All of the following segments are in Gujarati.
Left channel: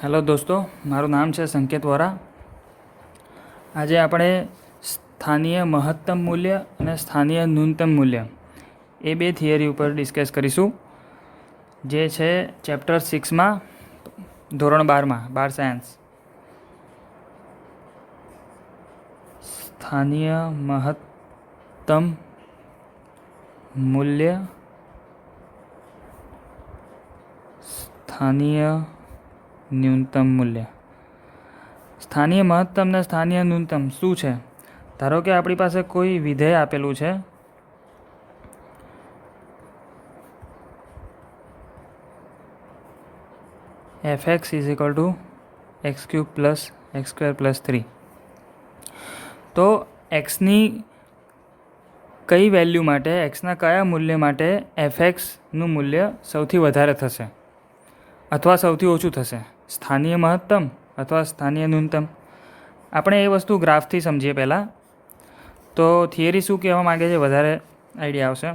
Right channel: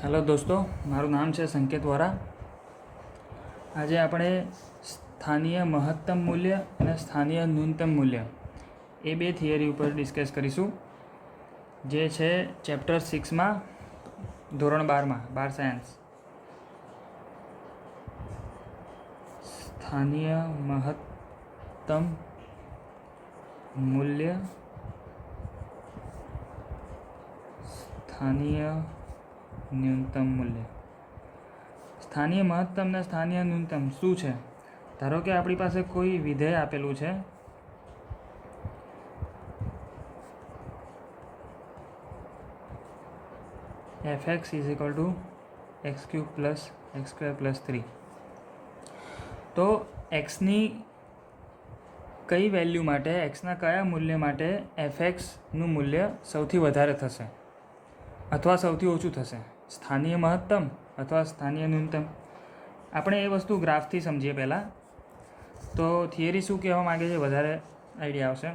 હેલો દોસ્તો, મારું નામ છે સંકેત વોરા. આજે આપણે સ્થાનીય મહત્તમ મૂલ્ય અને સ્થાનીય ન્યૂનતમ મૂલ્ય એ બે થિયરી ઉપર ડિસ્કસ કરીશું, જે છે ચેપ્ટર 6માં ધોરણ 12માં 12 સાયન્સ. સ્થાનીય મહત્તમ મૂલ્ય, સ્થાનીય ન્યૂનતમ મૂલ્ય. સ્થાનીય મહત્તમ ને સ્થાનીય ન્યૂનતમ શું છે? ધારો કે આપણી પાસે કોઈ વિધેય આપેલું છે, fx is equal to x cube plus x square plus 3. તો એક્સની કઈ વેલ્યુ માટે, એક્સના કયા મૂલ્ય માટે fxનું મૂલ્ય સૌથી વધારે થશે અથવા સૌથી ઓછું થશે? સ્થાનીય મહત્તમ અથવા સ્થાનીય ન્યૂનતમ? આપણે એ વસ્તુ ગ્રાફથી સમજીએ પહેલાં, તો થિયરી શું કહેવા માગે છે વધારે આઈડિયા આવશે.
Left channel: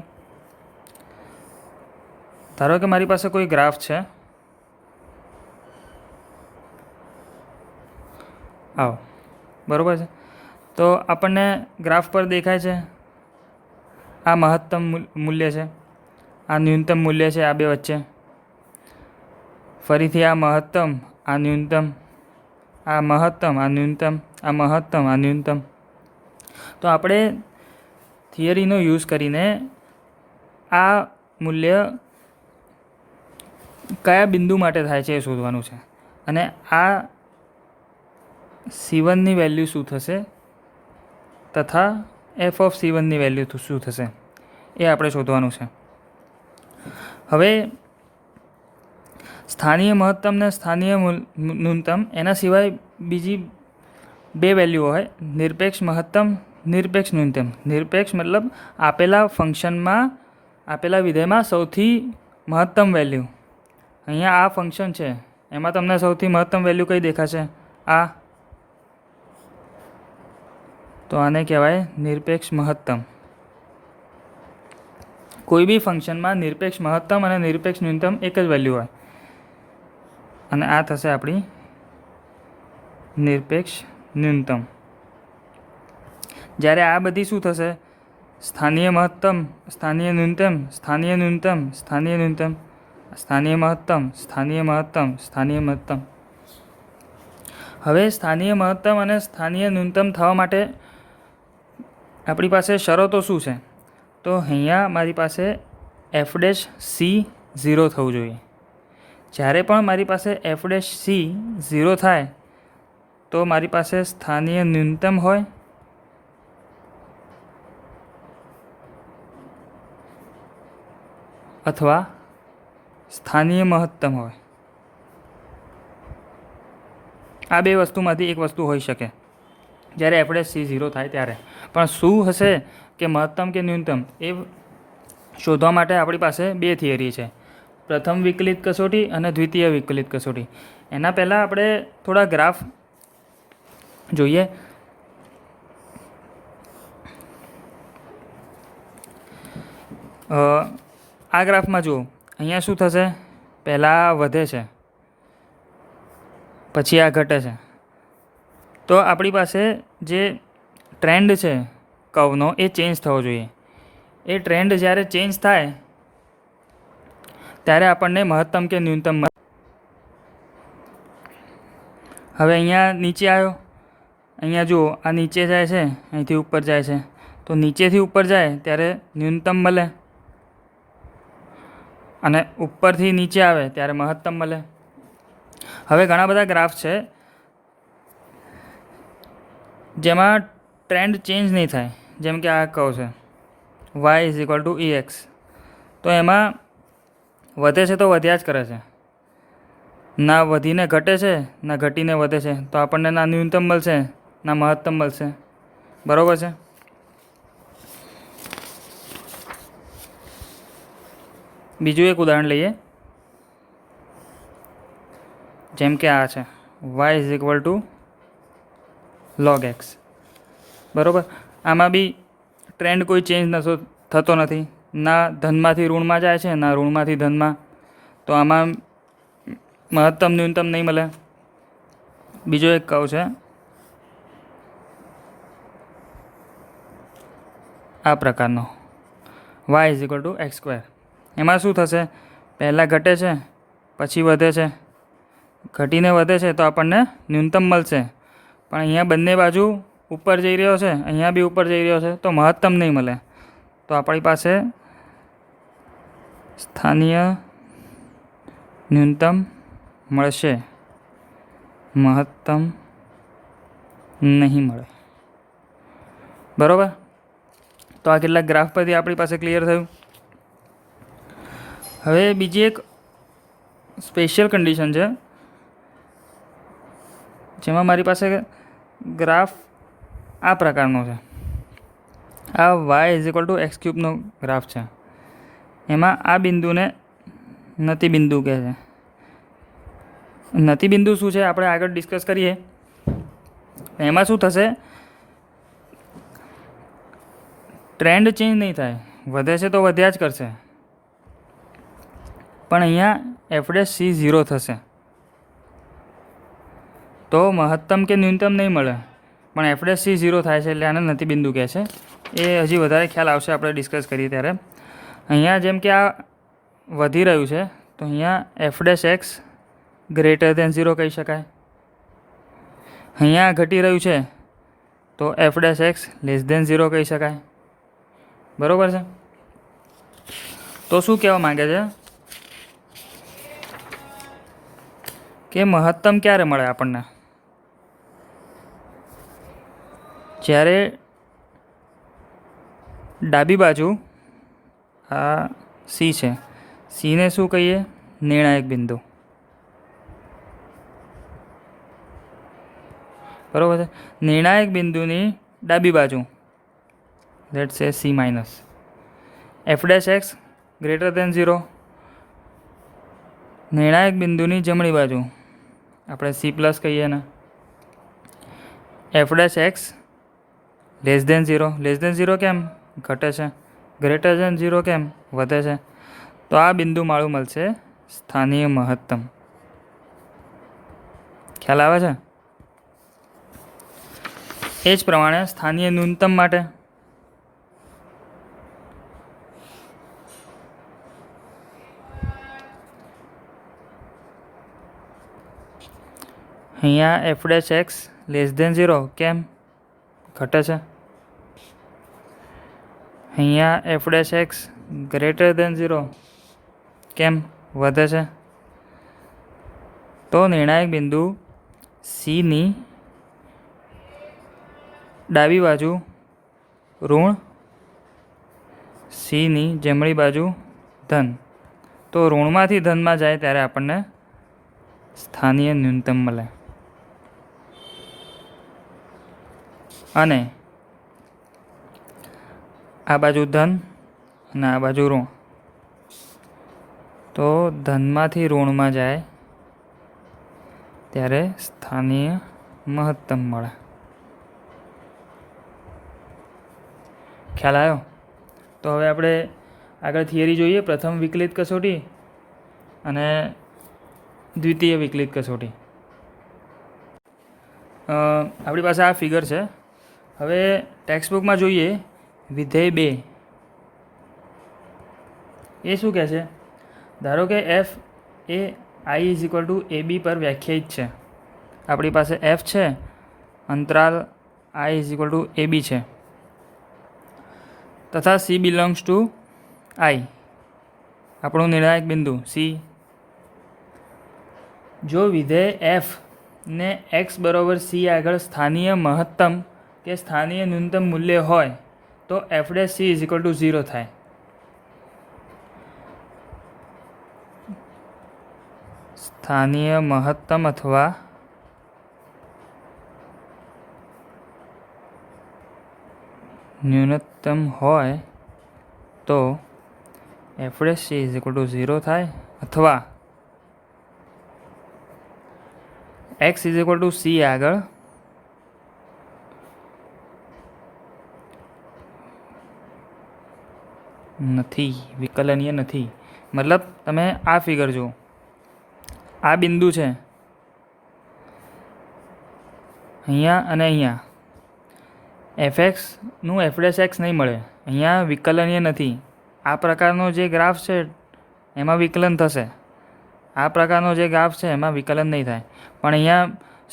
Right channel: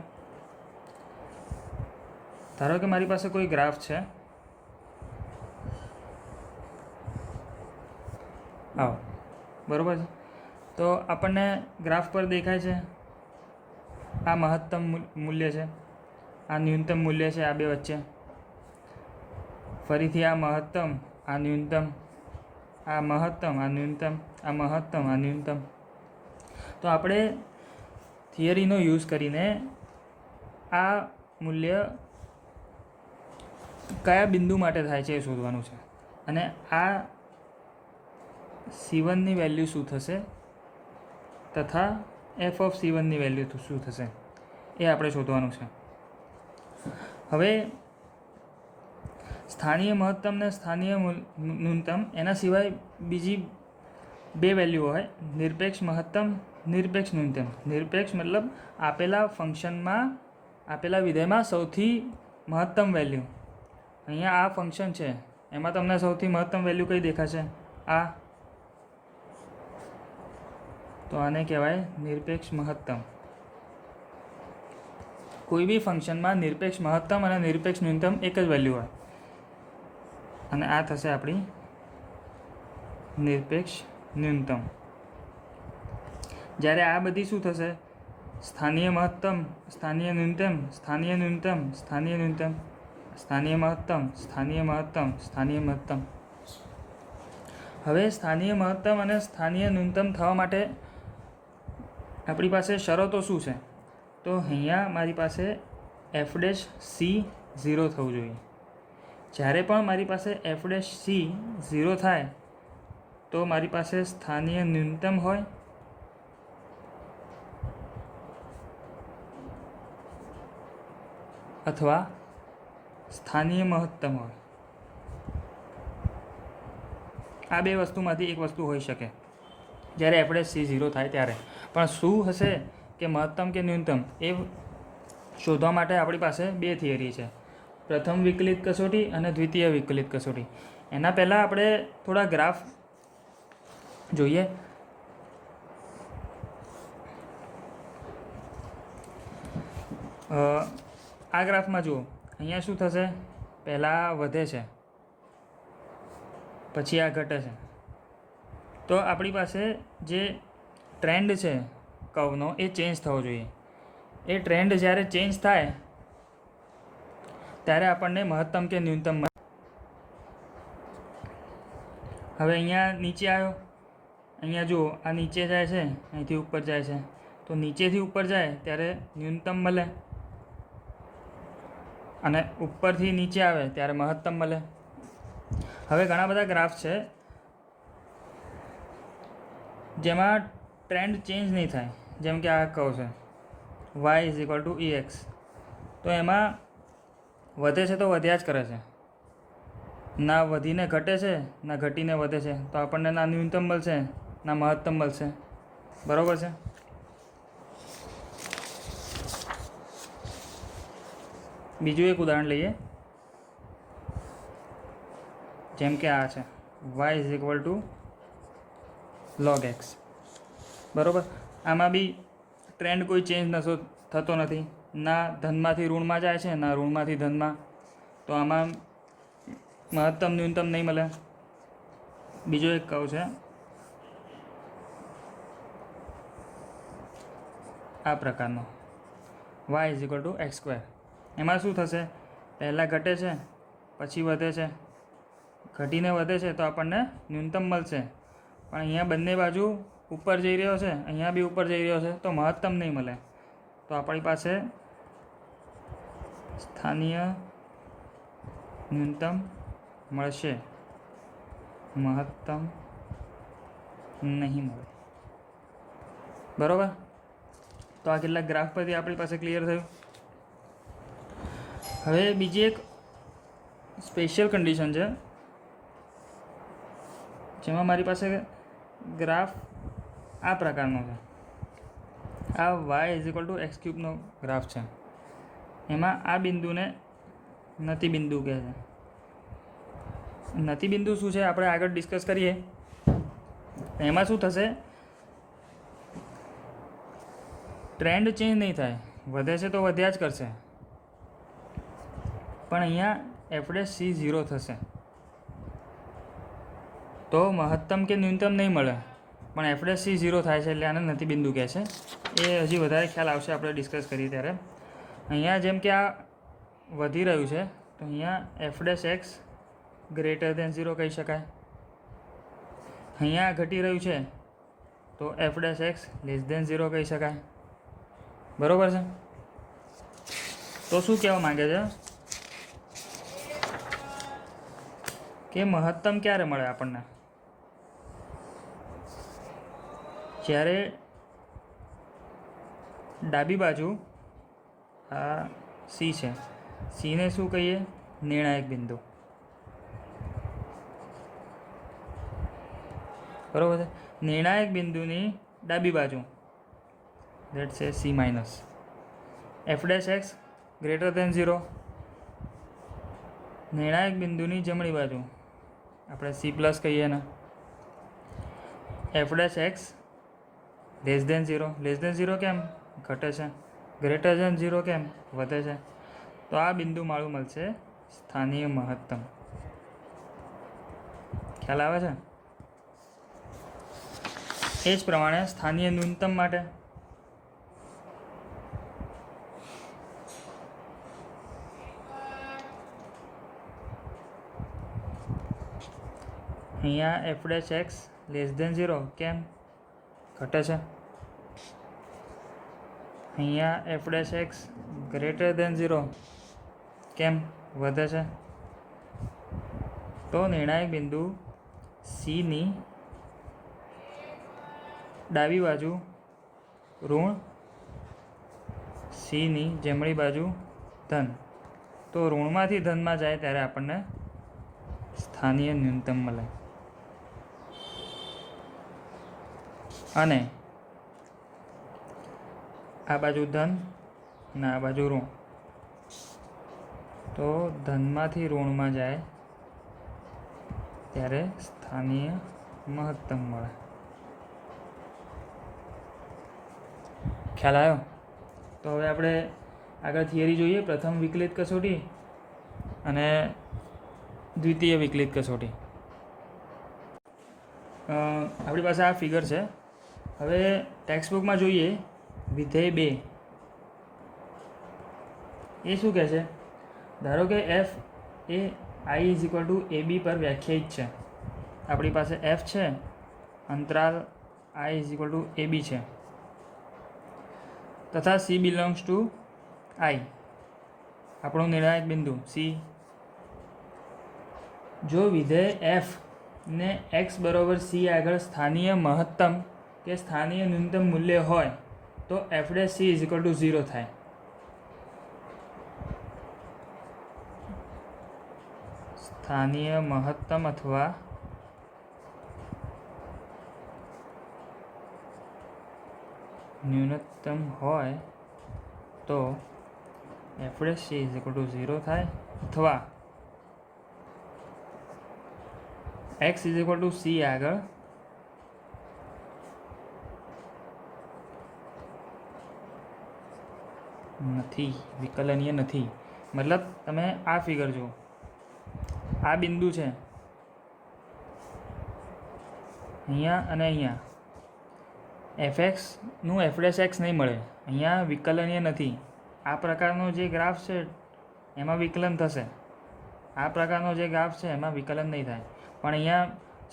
ધારો કે મારી પાસે કોઈ ગ્રાફ છે, આવો બરાબર છે. તો આપણને ગ્રાફ પર દેખાય છે આ મહત્તમ મૂલ્ય છે, આ ન્યૂનતમ મૂલ્ય છે, આ બે વચ્ચે. ફરીથી આ મહત્તમ, આ ન્યૂનતમ, આ મહત્તમ, આ ન્યૂનતમ, આ મહત્તમ, આ ન્યૂનતમ. તો આપણે થિયરીનો યુઝ કરીને આ મૂલ્ય કયા બિંદુ માટે થાય છે એ શોધવાનું છે, અને આ C1ની વેલ્યુ શું થશે તથા f ઓફ C1ની વેલ્યુ શું થશે એ આપણે શોધવાનું છે. હવે સ્થાનીય મહત્તમ ને સ્થાનીય ન્યૂનતમ, એના સિવાય બીજી બે વેલ્યુ હોય, નિરપેક્ષ મહત્તમ, નિરપેક્ષ ન્યૂનતમ. નિરપેક્ષ મતલબ આપેલા ફંક્શનમાં, આપેલા વિધેયમાં સૌથી મહત્તમ વેલ્યુ. અહીંયા આ ફંક્શન છે, એમાં તમને સૌથી મહત્તમ વેલ્યુ કઈ દેખાશે? આ. તો આને કહેવાય નિરપેક્ષ મહત્તમ. કોઈ બી ફંક્શનમાં નિરપેક્ષ મહત્તમ અને નિરપેક્ષ ન્યૂનતમ એક જ વેલ્યુ હોય, અને આ થશે આપણી નિરપેક્ષ ન્યૂનતમ. જ્યારે આ બધી શું થશે? સ્થાનીય મહત્તમ, સ્થાનીય ન્યૂનતમ, સ્થાનીય ન્યૂનતમ, સ્થાનીય ન્યૂનતમ, સ્થાનીય મહત્તમ, સ્થાનીય મહત્તમ, સ્થાનીય મહત્તમ. હવે સ્થાનીય મહત્તમ અને સ્થાનીય ન્યૂનતમ થવા માટે આપણી પાસે શરતો શું છે? તો અહીંયા મારી પાસે f' c 0 થવું જોઈએ. જ્યારે પણ મારી પાસે f' c 0 થાય તો મારી પાસે સ્થાનીય ન્યૂનતમ હોય અથવા સ્થાનીય મહત્તમ હોય. આ બે વસ્તુમાંથી એક વસ્તુ હોઈ શકે જ્યારે f' c 0 થાય ત્યારે. પણ શું હશે કે મહત્તમ કે ન્યૂનતમ, એ શોધવા માટે આપણી પાસે બે થિયરી છે, પ્રથમ વિકલિત કસોટી અને દ્વિતીય વિકલિત કસોટી. એના પહેલાં આપણે થોડા ગ્રાફ જોઈએ. આ ગ્રાફમાં જુઓ, અહીંયા શું થશે? પહેલાં વધે છે, પછી આ ઘટે છે. તો આપણી પાસે જે ટ્રેન્ડ છે કર્વનો, એ ચેન્જ થવો જોઈએ. એ ટ્રેન્ડ જ્યારે ચેન્જ થાય ત્યારે આપણને મહત્તમ કે ન્યૂનતમ મળે. હવે અહીંયા નીચે આવ્યો, અહીંયા જુઓ, આ નીચે જાય છે, અહીંથી ઉપર જાય છે. તો નીચેથી ઉપર જાય ત્યારે ન્યૂનતમ મળે, અને ઉપરથી નીચે આવે ત્યારે મહત્તમ મળે. હવે ઘણા બધા ગ્રાફ છે જેમાં ટ્રેન્ડ ચેન્જ નહીં થાય, જેમ કે આ કહું છે y is equal two ex. તો એમાં વધે છે તો વધ્યા જ કરે છે, ના વધીને ઘટે છે ના ઘટીને વધે છે. તો આપણને ના ન્યૂનતમ મળશે ના મહત્તમ મળશે. બરાબર છે? બીજું એક ઉદાહરણ લઈએ, જેમ કે આ છે y is equal two log x. બરાબર? આમાં બી ટ્રેન્ડ કોઈ ચેન્જ થતો નથી, ના ધનમાંથી ઋણમાં જાય છે ના ઋણમાંથી ધનમાં. તો આમાં મહત્તમ ન્યૂનતમ નહીં મળે. બીજો એક કર્વ છે આ પ્રકારનો y is equal to x square. એમાં શું થશે, પહેલાં ઘટે છે પછી વધે છે, ઘટીને વધે છે તો આપણને ન્યૂનતમ મળશે. પણ અહીંયા બંને બાજુ ઉપર જઈ રહ્યો છે, અહીંયા બી ઉપર જઈ રહ્યો છે તો મહત્તમ નહીં મળે. તો આપણી પાસે સ્થાનીય ન્યૂનતમ મળશે, મહત્તમ નહીં મળે. બરાબર. તો આ કેટલાક ગ્રાફ પરથી આપણી પાસે ક્લિયર થયું. હવે બીજી એક સ્પેશિયલ કન્ડિશન છે જેમાં મારી પાસે ગ્રાફ આ પ્રકારનો છે. આ y is equal to x ક્યુબનો ગ્રાફ છે. એમાં આ બિંદુને નતિ બિંદુ કહે છે. નતિ બિંદુ શું છે આપણે આગળ ડિસ્કસ કરીએ. એમાં શું થશે, ટ્રેન્ડ ચેન્જ નહીં થાય, વધે છે તો વધ્યા જ કરશે. પણ અહીંયા f'(c) 0 થશે તો મહત્તમ કે ન્યૂનતમ નહીં મળે, પણ f'(c) 0 થાય છે એટલે આને નથી બિંદુ કહે છે. એ હજી વધારે ખ્યાલ આવશે આપણે ડિસ્કસ કરીએ ત્યારે. અહીંયા જેમ કે આ વધી રહ્યું છે તો અહીંયા f'(x) > 0 કહી શકાય. અહીંયા ઘટી રહ્યું છે તો f'(x) <= 0 કહી શકાય. બરાબર છે. તો શું કહેવા માંગે છે કે મહત્તમ ક્યારે મળે આપણને, જ્યારે ડાબી બાજુ આ સી છે, સીને શું કહીએ, નિર્ણાયક બિંદુ. બરાબર છે. નિર્ણાયક બિંદુની ડાબી બાજુ લેટ્સ સે C-, f'(x) > 0. નિર્ણાયક બિંદુની જમણી બાજુ આપણે C+ કહીએ ને, f'(x) <= 0. <= કેમ ઘટે છે, <= 0 કેમ વધે છે. તો આ બિંદુ માળું મળશે સ્થાનીય મહત્તમ. ખ્યાલ આવે છે. એ જ પ્રમાણે સ્થાનીય ન્યૂનતમ માટે અહીંયા f'(x) <= 0 કેમ ઘટે છે, અહીંયા f'(x) <= 0 કેમ વધે છે. તો નિર્ણાયક બિંદુ Cની ડાબી બાજુ ઋણ, Cની જમણી બાજુ ધન. તો ઋણમાંથી ધનમાં જાય ત્યારે આપણને સ્થાનીય ન્યૂનતમ મળે. અને આ બાજુ ધન અને આ બાજુ ઋણ, તો ધનમાંથી ઋણમાં જાય ત્યારે સ્થાનીય મહત્તમ મળે. ખ્યાલ આવ્યો. તો હવે આપણે આગળ થિયરી જોઈએ. પ્રથમ વિકલિત કસોટી અને દ્વિતીય વિકલિત કસોટી. આપણી પાસે આ ફિગર છે. હવે ટેક્સ્ટબુકમાં જોઈએ વિધેય 2 એ શું કહે છે. ધારો કે f એ i = ab પર વ્યાખ્યાયિત છે. આપણી પાસે f છે, અંતરાલ i = ab છે, તથા c belongs to i, આપણું નિર્ણાયક બિંદુ c. જો વિધેય f ને x = c આગળ સ્થાનીય મહત્તમ કે સ્થાનીય ન્યૂનતમ મૂલ્ય હોય તો f'(c) = 0 થાય. સ્થાનીય મહત્તમ અથવા ન્યૂનતમ હોય તો f'(c) = 0 થાય, અથવા x = c આગળ નથી, વિકલનીય નથી. મતલબ તમે આ ફિગર જુઓ, આ બિંદુ છે, અહીંયા અને અહીંયા એફએક્સનું એફ ડેશ એક્સ નહીં મળે, અહીંયા વિકલનીય નથી. આ પ્રકારનો જે ગ્રાફ છે એમાં વિકલન થશે, આ પ્રકારનો જે ગ્રાફ છે એમાં વિકલન નહીં થાય. પણ અહીંયા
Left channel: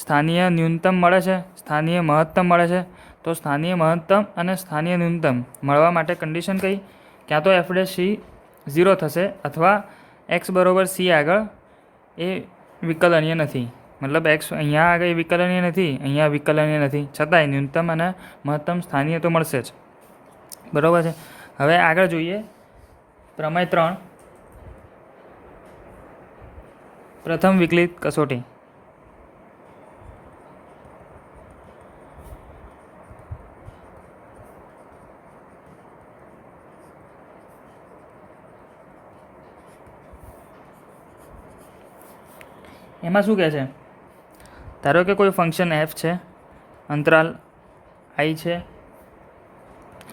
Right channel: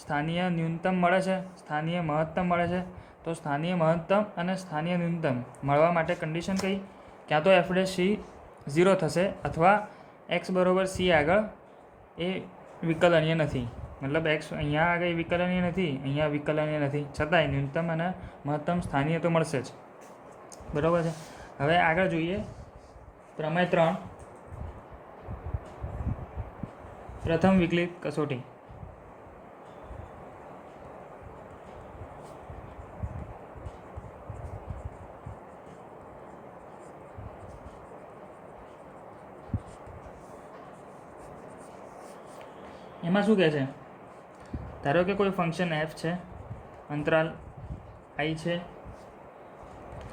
સ્થાનીય ન્યૂનતમ મળે છે, સ્થાનીય મહત્તમ મળે છે. તો સ્થાનીય મહત્તમ અને સ્થાનીય ન્યૂનતમ મળવા માટે કન્ડિશન કઈ? ક્યાં તો એફ ડેશ સી 0 થશે અથવા એક્સ બરોબર સી આગળ એ વિકલનીય નથી. મતલબ એક્સ અહીંયા આગળ વિકલનીય નથી, અહીંયા વિકલનીય નથી, છતાંય ન્યૂનતમ અને મહત્તમ સ્થાનીય તો મળશે જ. બરાબર છે. હવે આગળ જોઈએ પ્રમેય 3, પ્રથમ વિકલિત કસોટી. એમાં શું કહે છે? ધારો કે કોઈ ફંક્શન એફ છે, અંતરાલ આઈ છે,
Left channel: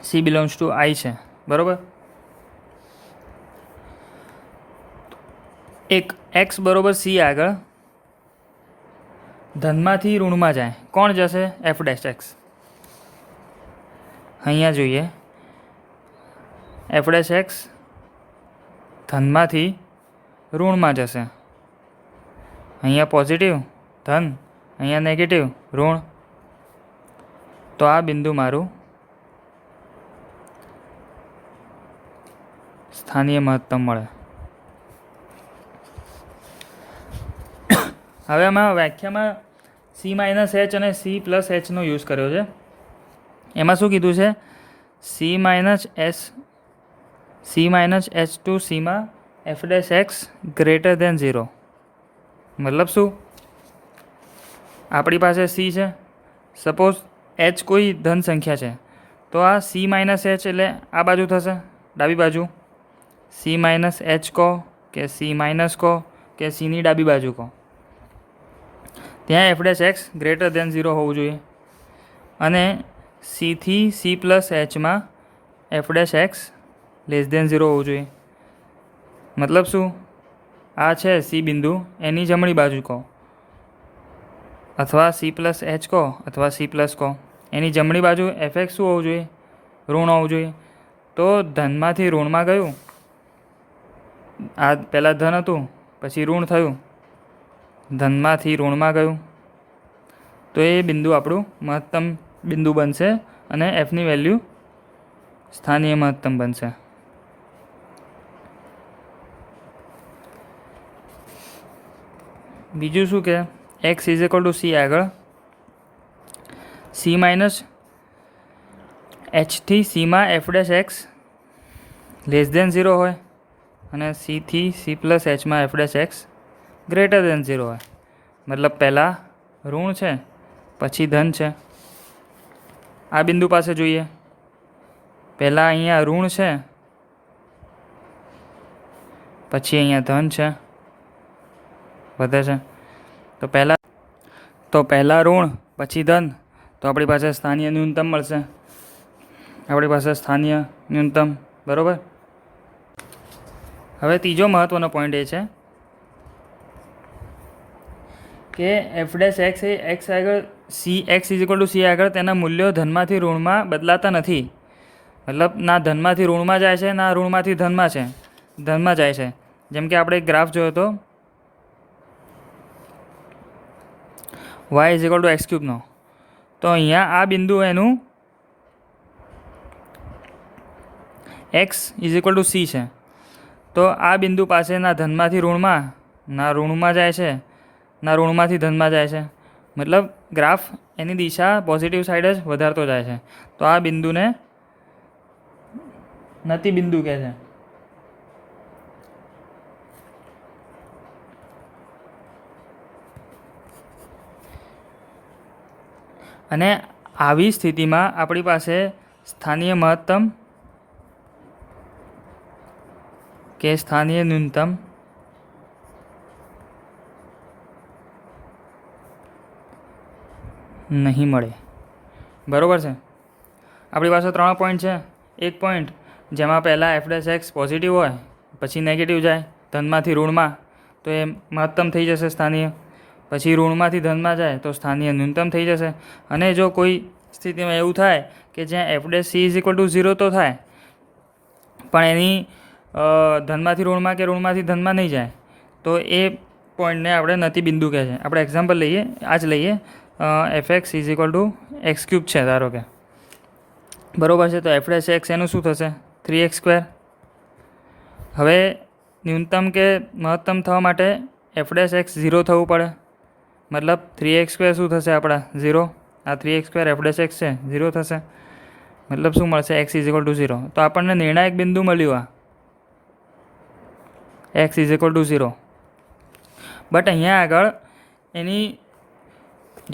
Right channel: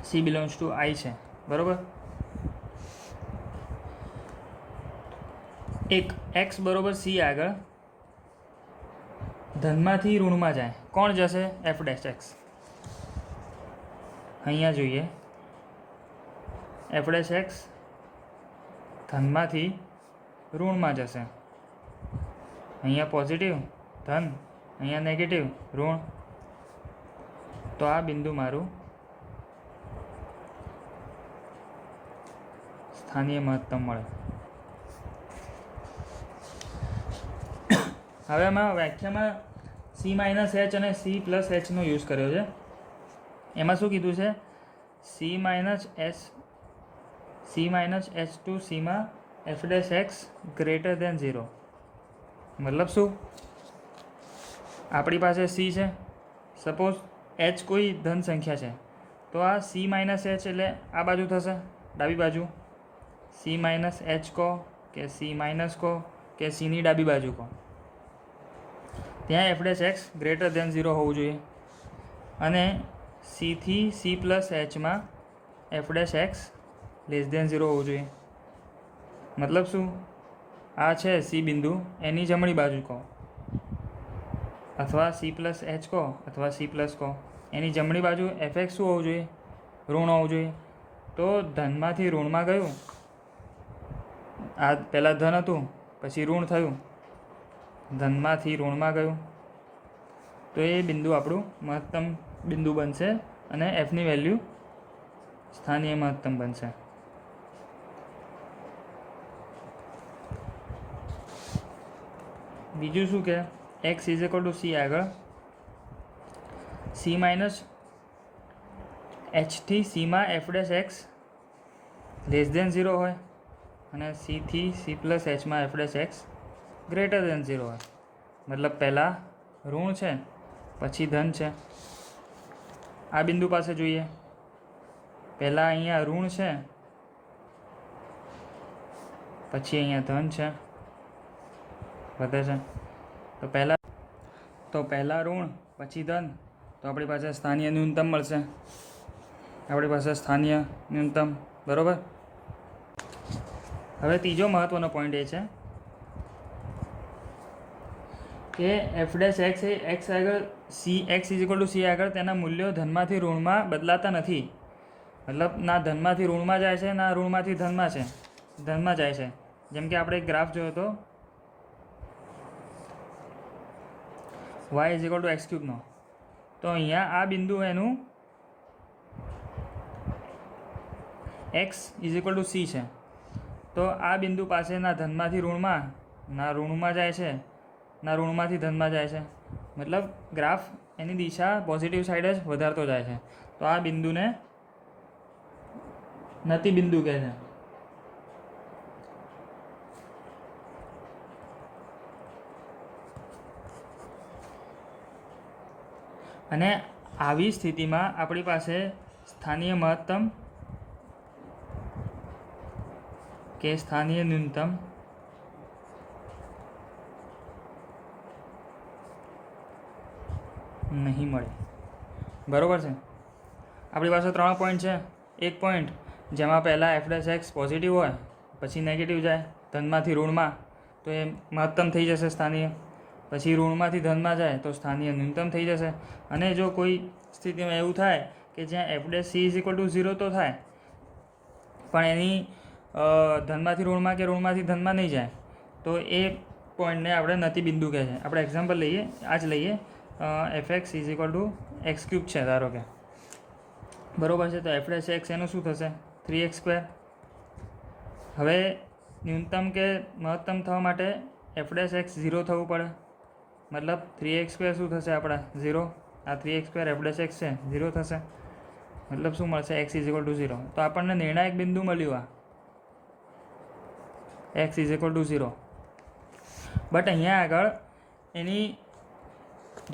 સી બિલોંગ્સ ટુ આઈ છે, બરાબર. એક એક્સ બરોબર સી આગળ ધનમાંથી ઋણમાં જાય. કોણ જશે? F dash x. અહીંયા જોઈએ એફ ડેશ એક્સ ધનમાંથી ઋણમાં જશે. અહીંયા પોઝિટિવ ધન, અહીંયા નેગેટિવ ઋણ. તો આ બિંદુ મારું સ્થાનીય મહત્તમ મળે. હવે આમાં વ્યાખ્યામાં સી માઇનસ એચ અને સી પ્લસ એચનો યુઝ કર્યો છે. એમાં શું કીધું છે? સી માઇનસ એચ ટુ સીમાં F dash x greater than 0. મતલબ શું? આપણી પાસે સી છે, સપોઝ એચ કોઈ ધન સંખ્યા છે, તો આ સી માઇનસ એચ એટલે આ બાજુ થશે, ડાબી બાજુ. સી માઇનસ એચ કહો કે સી માઇનસ કહો કે સીની ડાબી બાજુ કહો, ત્યાં F dash x greater than 0 હોવું જોઈએ. અને સીથી સી પ્લસ એચમાં F dash x less than 0 હોવું જોઈએ. મતલબ શું? આ છે સી બિંદુ, એની જમણી બાજુ કહો, અથવા સી પ્લસ એચ કહો અથવા સી પ્લસ કહો, એની જમણી બાજુ એફ એક્સ શું હોવું જોઈએ? ઋણ હોવું જોઈએ. તો ધનમાંથી ઋણમાં ગયું, આ પહેલાં ધન હતું પછી ઋણ થયું, ધનમાંથી ઋણમાં ગયું, તો એ બિંદુ આપણું મહત્તમ બિંદુ બનશે અને એફની વેલ્યુ સ્થાનીય મહત્તમ બનશે. બીજું શું કે x is equal to c આગળ સી માઇનસ એચથી સીમાં F dash x less than 0 હોય અને સીથી સી પ્લસ એચમાં F dash x greater than 0 હોય. મતલબ પહેલાં ઋણ છે પછી ધન છે. આ બિંદુ પાસે જોઈએ, પહેલાં અહીંયા ઋણ છે પછી અહીંયા ધન છે, વધે છે. તો પહેલાં ઋણ પછી ધન, તો આપણી પાસે સ્થાનીય ન્યૂનતમ મળશે. આપણી પાસે સ્થાનીય ન્યૂનતમ, બરાબર. હવે ત્રીજો મહત્ત્વનો પોઈન્ટ એ છે કે એફ ડેશ એક્સ એ એક્સ આગળ C x is equal to c આગળ તેના મૂલ્યો ધનમાંથી ઋણમાં બદલાતા નથી. મતલબ ના ધનમાંથી ઋણમાં જાય છે ના ઋણમાંથી ધનમાં જાય છે. જેમ કે આપણે એક ગ્રાફ જોયો હતો y is equal to x ક્યુબનો, તો અહીંયા આ બિંદુ એનું x is equal to c છે. તો આ બિંદુ પાસે ના ધનમાંથી ઋણમાં ના ઋણમાં જાય છે ના ઋણમાંથી ધનમાં જાય છે. મતલબ ગ્રાફ એની દિશા પોઝિટિવ સાઈડ જ વધારતો જાય છે. તો આ બિંદુને નતિ બિંદુ કહે છે. અને આવી સ્થિતિમાં આપણી પાસે સ્થાનીય મહત્તમ કે સ્થાનીય ન્યૂનતમ નહીં મળે. બરાબર છે. આપણી પાસે 3 પોઈન્ટ છે. એક પોઈન્ટ જેમાં પહેલાં એફ ડેશ એક્સ પોઝિટિવ હોય પછી નેગેટિવ જાય ધનમાંથી ઋણમાં, તો એ મહત્તમ થઈ જશે સ્થાનીય. પછી ઋણમાંથી ધનમાં જાય તો સ્થાનીય ન્યૂનતમ થઈ જશે. અને જો કોઈ સ્થિતિમાં એવું થાય કે જ્યાં F dash she is equal to 0 તો થાય પણ એની ધનમાંથી ઋણમાં કે ઋણમાંથી ધનમાં નહીં જાય તો એ પોઈન્ટને આપણે નતી બિંદુ કહે છે. આપણે એક્ઝામ્પલ લઈએ, આ જ લઈએ, F x is equal to x cube છે ધારો કે, બરાબર છે. તો એફ ડેશ એક્સ એનું શું થશે? 3x². હવે ન્યૂનતમ કે મહત્તમ થવા માટે એફ ડેશ એક્સ 0 થવું પડે, મતલબ 3x² શું થશે આપણા? 0. આ 3x² એફ ડેશ એક્સ છે 0 થશે, મતલબ શું મળશે? X is equal to 0. તો આપણને નિર્ણાયક બિંદુ મળ્યું આ x is equal to 0. But અહીંયા આગળ એની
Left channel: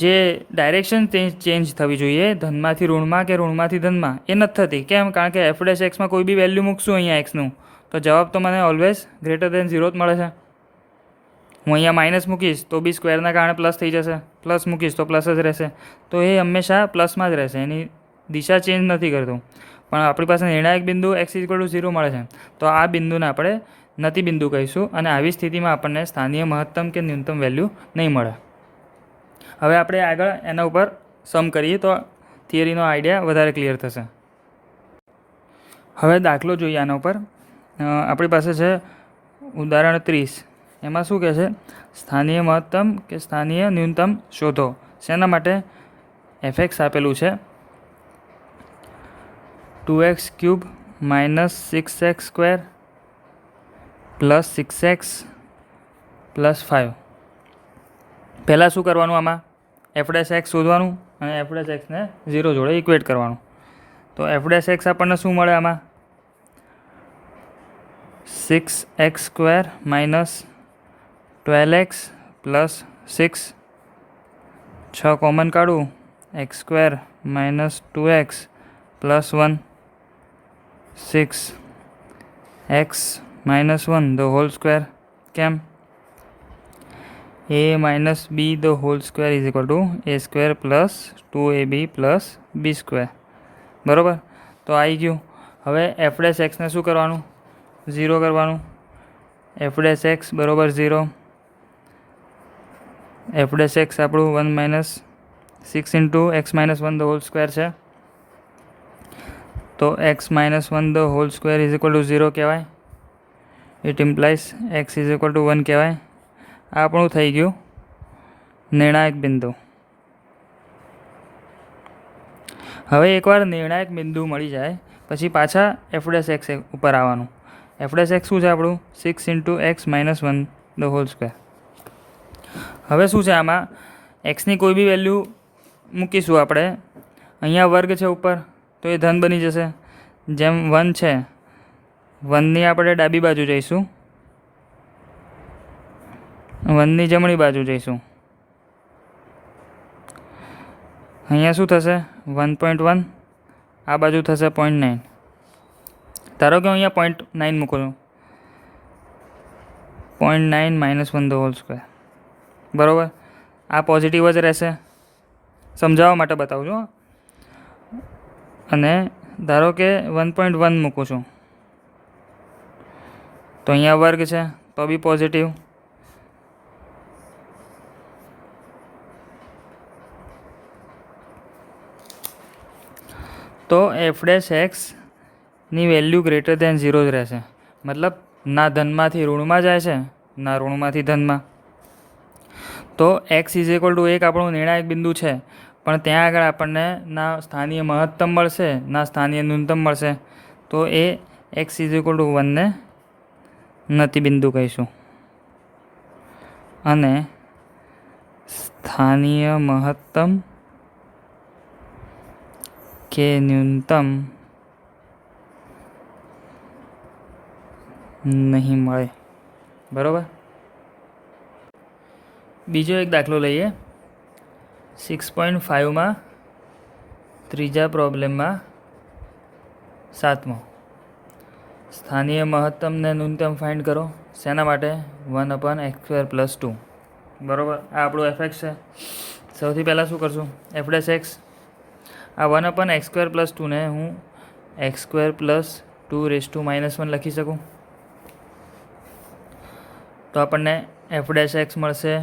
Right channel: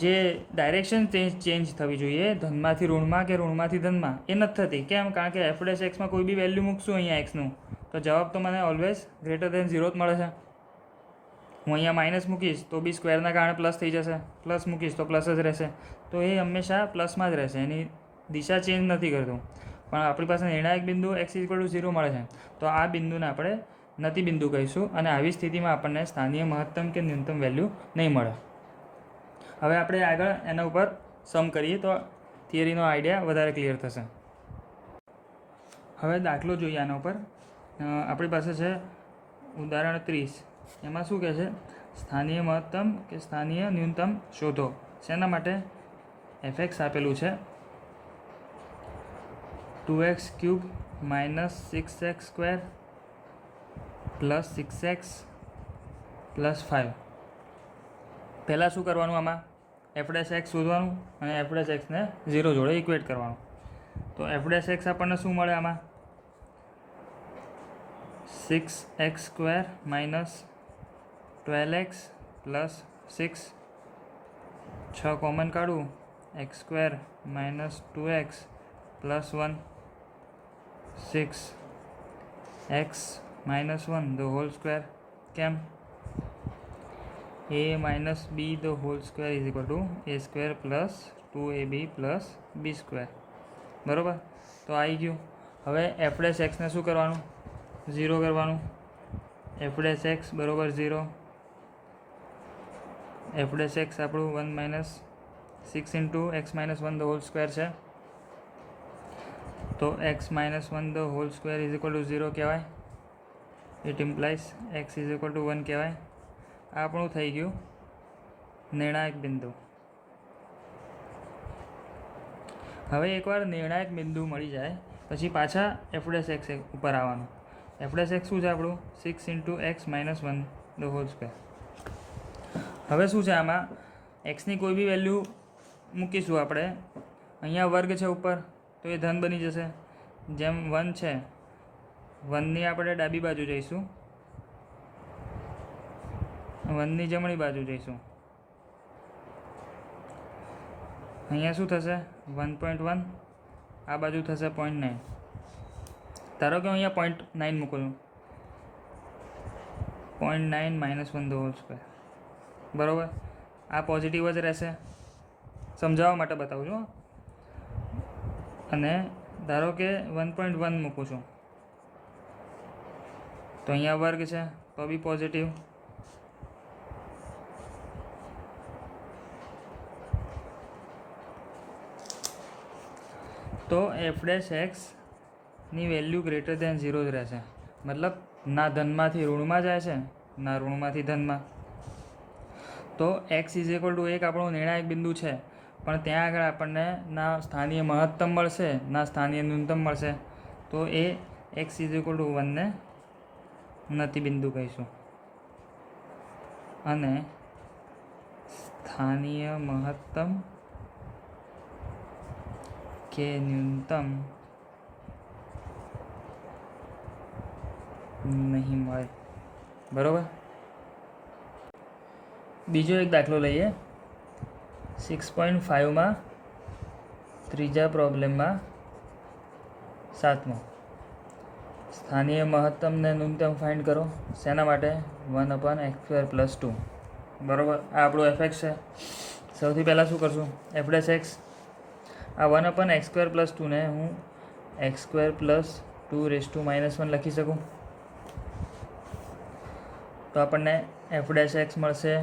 જે ડાયરેક્શન ચેન્જ થવી જોઈએ, ધનમાંથી ઋણમાં કે ઋણમાંથી ધનમાં, એ નથી થતી. કેમ? કારણ કે એફ ડેશ એક્સમાં કોઈ બી વેલ્યુ મૂકશું અહીંયા એક્સનું તો જવાબ તો મને ઓલવેઝ ગ્રેટર દેન 0 જ મળે છે. હું અહીંયા માઇનસ મૂકીશ તો બી સ્ક્વેરના કારણે પ્લસ થઈ જશે, પ્લસ મૂકીશ તો પ્લસ જ રહેશે. તો એ હંમેશા પ્લસમાં જ રહેશે, એની દિશા ચેન્જ નથી કરતું. પણ આપણી પાસે નિર્ણાયક બિંદુ એક્સ ઇઝ ઇક્વલ ટુ 0 મળે છે, તો આ બિંદુને આપણે નતી બિંદુ કહીશું. અને આવી સ્થિતિમાં આપણને સ્થાનીય મહત્તમ કે ન્યૂનતમ વેલ્યુ નહીં મળે. હવે આપણે આગળ એના ઉપર સમ કરીએ તો થિયરીનો આઈડિયા વધારે ક્લિયર થશે. હવે દાખલો જોઈએ આના ઉપર. આપણી પાસે છે ઉદાહરણ 30. એમાં શું કહે છે? સ્થાનીય મહત્તમ કે સ્થાનીય ન્યૂનતમ શોધો. શેના માટે? એફ એક્સ આપેલું છે 2x³ - 6x² + 6x + 5. પહેલાં શું કરવાનું? આમાં એફ ડેશ એક્સ શોધવાનું અને એફ ડેશ એક્સને 0 જોડે ઇક્વેટ કરવાનું. તો એફ ડેશ એક્સ આપણને શું મળે આમાં? 6x² - 12x + 6. 6 કોમન કાઢું, x² - 2x + 1, 6x - 1 the whole square. કેમ? a - b the whole square is equal to a² + 2ab + b². બરાબર? તો આવી ગયું. હવે એફ ડેશ એક્સને શું કરવાનું? 0 કરવાનું. એફ ડેશ એક્સ બરાબર 0. એફ ડેશ એક્સ આપણું 1 - 6 × x - 1 the whole square છે. તો x - 1 the whole square is equal to 0 કહેવાય. It implies x is equal to 1 કહેવાય. આ આપણું થઈ ગયું નિર્ણાયક બિંદુ. હવે એકવાર નિર્ણાયક બિંદુ મળી જાય પછી પાછા એફ ડેશ એક્સ ઉપર આવવાનું. એફ ડેશ એક્સ શું છે આપણું? 6 × x - 1 the whole square. હવે શું છે આમાં? એક્સની કોઈ બી વેલ્યુ મૂકીશું આપણે. અહીંયા વર્ગ છે ઉપર તો એ ધન બની જશે. જેમ 1 છે, 1ની આપણે ડાબી બાજુ જઈશું, 1ની જમણી બાજુ જઈશું. અહીંયા શું થશે? 1.1. આ બાજુ થશે 0.9. ધારો કે હું અહીંયા 0.9 મૂકું છું. 0.9 - 1 the whole square. બરાબર? આ પોઝિટિવ જ રહેશે. સમજાવવા માટે બતાવું છું. અને ધારો કે 1.1 મૂકું છું તો અહીંયા વર્ગ છે તો બી પોઝિટિવ. તો એફ ડેશ એક્સની વેલ્યુ ગ્રેટર દેન 0 જ રહેશે. મતલબ ના ધનમાંથી ઋણમાં જાય છે ના ઋણમાંથી ધનમાં. તો એક્સ ઇઝ ઇક્વલ ટુ 1 આપણું નિર્ણાયક બિંદુ છે, પણ ત્યાં આગળ આપણને ના સ્થાનીય મહત્તમ મળશે ના સ્થાનીય ન્યૂનતમ મળશે. તો એ એક્સ ઇઝ ઇક્વલ ટુ 1 ને નતી બિંદુ કહીશું. અને સ્થાનીય મહત્તમ કે ન્યૂનતમ નહીં મળે. બરાબર? બીજો એક દાખલો લઈએ. 6.5માં ત્રીજા પ્રોબ્લેમમાં 7મો. સ્થાનીય મહત્તમ ને ન્યૂનતમ ફાઇન્ડ કરો. શેના માટે? 1/x² + 2. બરાબર? આ આપણું એફ એક્સ છે. સૌથી પહેલાં શું કરશું? F dash x. આ 1/x² + 2 ને હું x² + 2 - 1 લખી શકું. તો આપણને એફ ડેશ એક્સ મળશે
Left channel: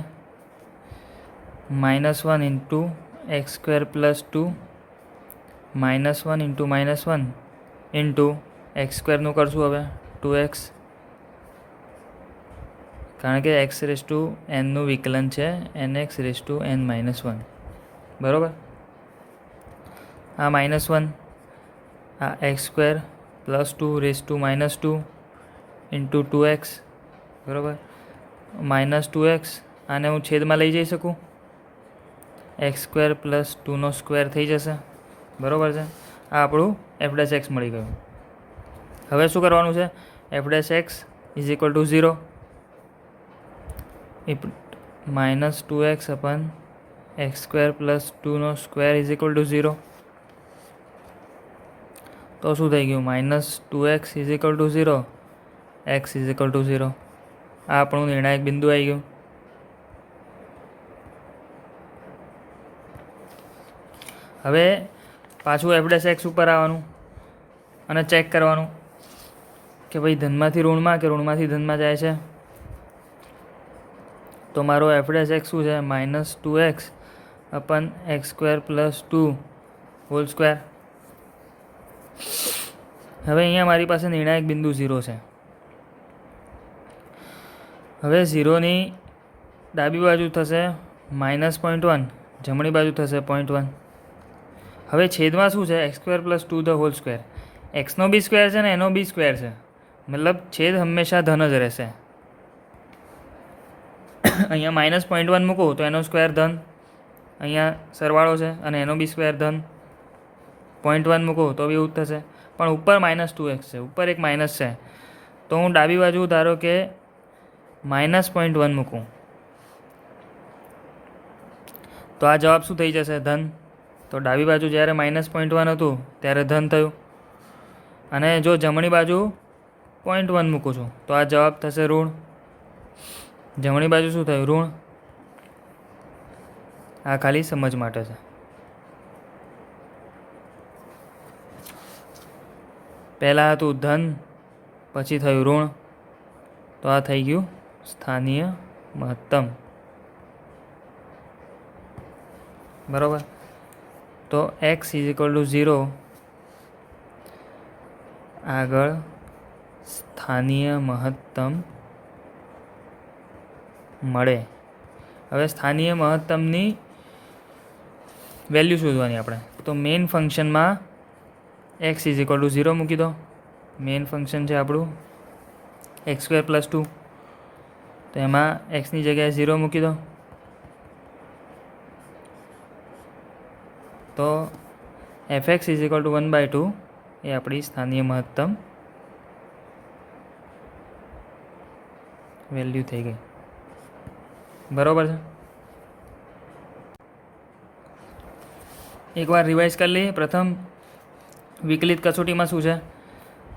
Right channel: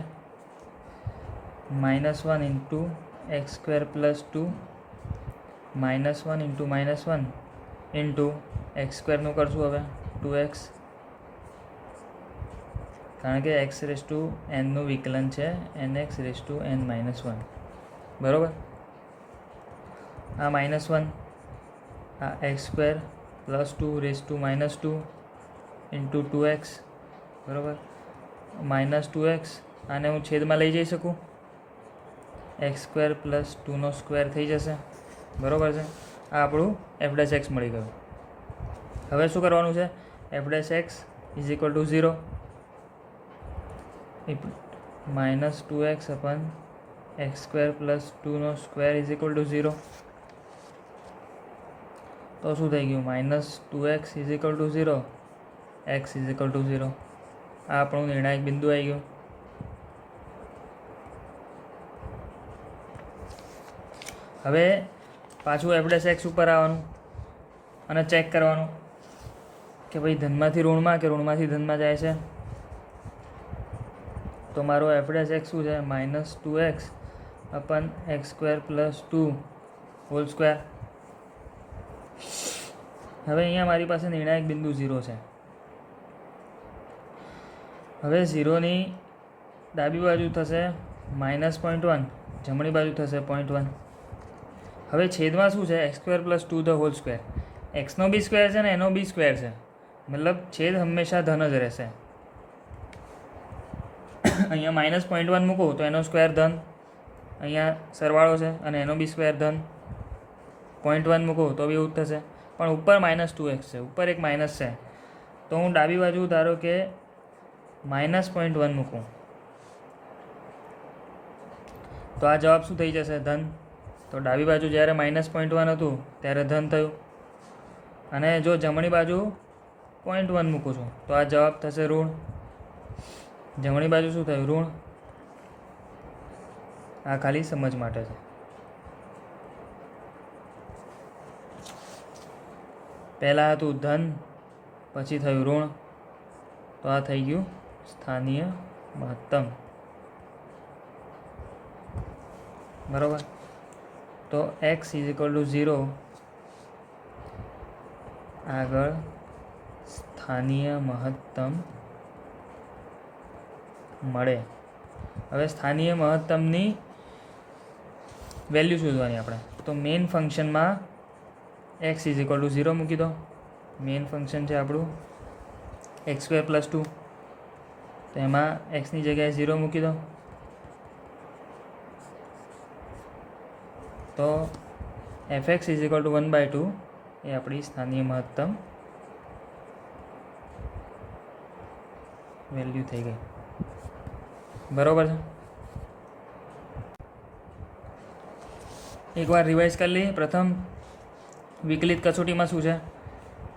-1 into x square plus 2 -1 into -1 into x સ્ક્વેરનું કરશું હવે 2x, કારણ કે x રેસ ટુ nનું વિકલન છે nx રેસ ટુ n-1, બરાબર. આ -1 આ x square plus 2 raise to -2 into 2x, બરાબર. -2x આને હું છેદમાં લઈ જઈ શકું, એક્સ સ્ક્વેર પ્લસ 2નો સ્ક્વેર થઈ જશે, બરાબર છે. આ આપણું f' મળી ગયું. હવે શું કરવાનું છે? f' is equal to 0 -2x upon x square plus 2નો સ્ક્વેર ઇઝ ઇક્વલ ટુ 0. તો શું થઈ ગયું? -2x is equal to 0, x is equal to 0. આ આપણું નિર્ણાયક બિંદુ આવી ગયું. હવે પાછું f' ઉપર આવવાનું અને ચેક કરવાનું કે ભાઈ ધનમાંથી ઋણમાં કે ઋણમાંથી ધનમાં જાય છે. તો મારો f' શું છે? -2x upon x square plus 2 whole square. હવે અહીંયા મારી પાસે નિર્ણાયક બિંદુ 0 છે. હવે 0ની ડાબી બાજુ થશે -0.1, જમણી બાજુ થશે 0.1. હવે છેદમાં શું છે? X square plus 2 the whole square. એક્સનો બી સ્ક્વેર છે ને એનો બી સ્ક્વેર છે, મતલબ છેદ હંમેશા ધન જ રહેશે. અહીંયા -0.1 મૂકું તો એનો સ્ક્વેર ધન, અહીંયા સરવાળો છે અને એનો બી સ્ક્વેર ધન. 0.1 મૂકું તો બી એવું જ થશે, પણ ઉપર -2x છે, ઉપર એક માઇનસ છે. તો હું ડાબી બાજુ ધારો કે -0.1 મૂકું તો આ જવાબ શું થઈ જશે? ધન. તો ડાબી બાજુ જ્યારે -0.1 હતું ત્યારે ધન થયું, અને જો જમણી બાજુ 0.1 મૂકું છું તો આ જવાબ થશે ઋણ. જમણી બાજુ શું થયું? ઋણ. આ ખાલી સમજ માટે છે. પહેલાં હતું ધન, પછી થયું ઋણ, તો આ થઈ ગયું સ્થાનીય મહત્તમ, બરાબર. તો x ઇઝ ઇક્વલ ટુ 0 આગળ સ્થાનીય મહત્તમ મળે. હવે સ્થાનીય મહત્તમની વેલ્યુ શોધવાની આપણે. તો મેઇન ફંક્શનમાં x ઇઝ ઇક્વલ ટુ 0 મૂકી દો. મેઇન ફંક્શન છે આપણું એક્સ સ્ક્વેર પ્લસ 2, તો એમાં એક્સની જગ્યાએ 0 મૂકી દો. તો fx ઇઝ ઇક્વલ ટુ 1/2 એ આપણી સ્થાનીય મહત્તમ વેલ્યુ થઈ ગઈ, બરાબર છે. એકવાર રિવાઇઝ કરી લઈએ. પ્રથમ વિકલિત કસોટીમાં શું છે?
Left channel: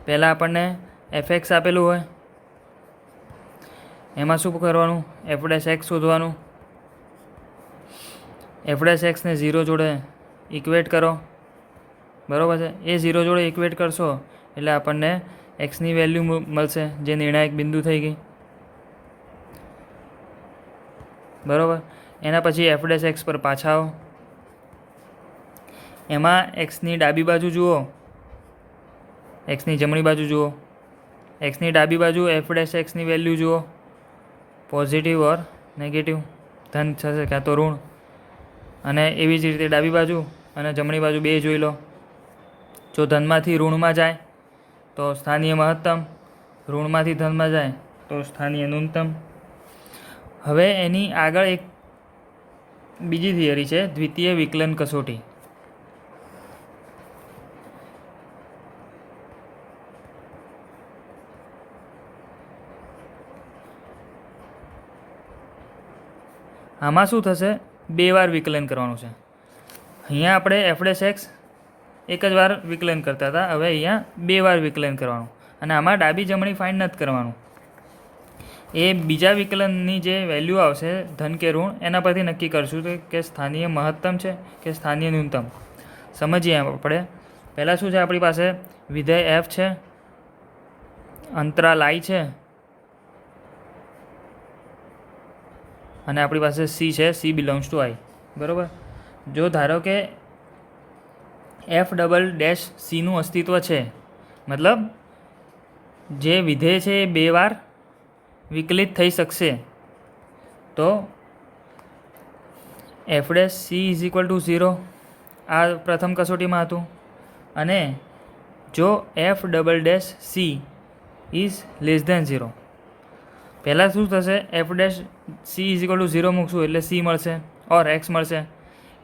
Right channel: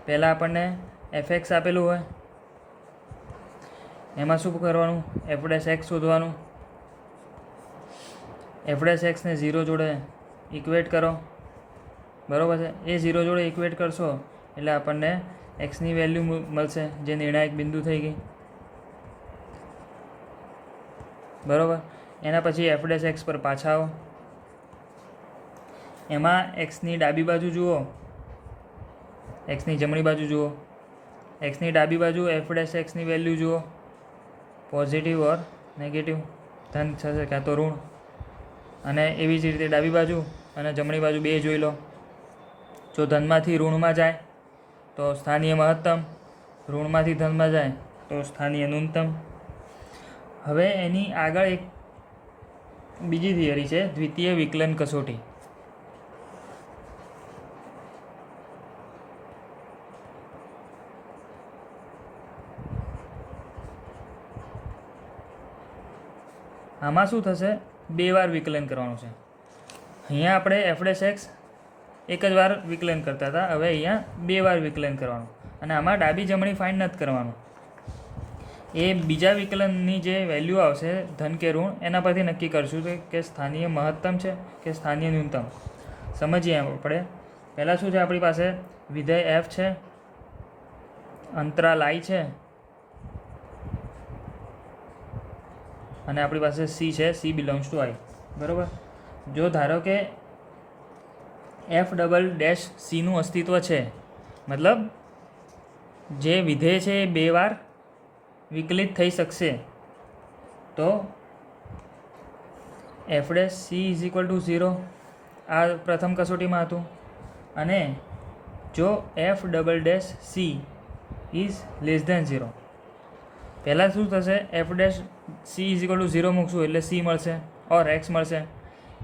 પહેલાં આપણને fx આપેલું હોય, એમાં શું કરવાનું? f' શોધવાનું. f' ને 0 જોડે ઇક્વેટ કરો, બરાબર છે. એ 0 જોડે ઇક્વેટ કરશો એટલે આપણને એક્સની વેલ્યુ મળશે, જે નિર્ણાયક બિંદુ થઈ ગઈ, બરાબર. એના પછી f' પર પાછા આવો. એમાં એક્સની ડાબી બાજુ જુઓ, એક્સની જમણી બાજુ જુઓ. એક્સની ડાબી બાજુ f'(x)ની વેલ્યુ જુઓ, પોઝિટિવ ઓર નેગેટિવ, ધન થશે કાં તો ઋણ. અને એવી જ રીતે ડાબી બાજુ અને જમણી બાજુ બે જોઈ લો. જો ધનમાંથી ઋણમાં જાય તો સ્થાનીય મહત્તમ, ઋણમાંથી ધનમાં જાય તો સ્થાનીય ન્યૂનતમ. હવે એની આગળ એક બીજી થિયરી છે, દ્વિતીય વિકલન કસોટી. આમાં શું થશે? બે વાર વિકલન કરવાનું છે. અહીંયા આપણે f'(x) એક જ વાર વિકલન કરતા હતા, હવે અહીંયા બે વાર વિકલન કરવાનું. અને આમાં ડાબી જમણી ફાઇન્ડ નથી કરવાનું. એ બીજા વિકલનની જે વેલ્યુ આવશે ધન કે ઋણ એના પરથી નક્કી કરશું કે સ્થાનીય મહત્તમ છે કે સ્થાનીય ન્યૂનતમ. સમજીએ આપણે. પહેલાં શું છે? આપણી પાસે વિધેય f છે, અંતરાલ I છે, અને આપણી પાસે સી છે, સી બિલોંગ્સ ટુ આઈ. બરાબર. જો ધારો કે f''(c)નું અસ્તિત્વ છે, મતલબ જે વિધેય છે એ 2 વાર વિકલિત થઈ શકશે, તો f'(c)=0 આ પ્રથમ કસોટીમાં હતું. અને જો f'(c)=0, પહેલાં શું થશે, f'(c)=0 મૂકશું એટલે c મળશે ઓર x મળશે.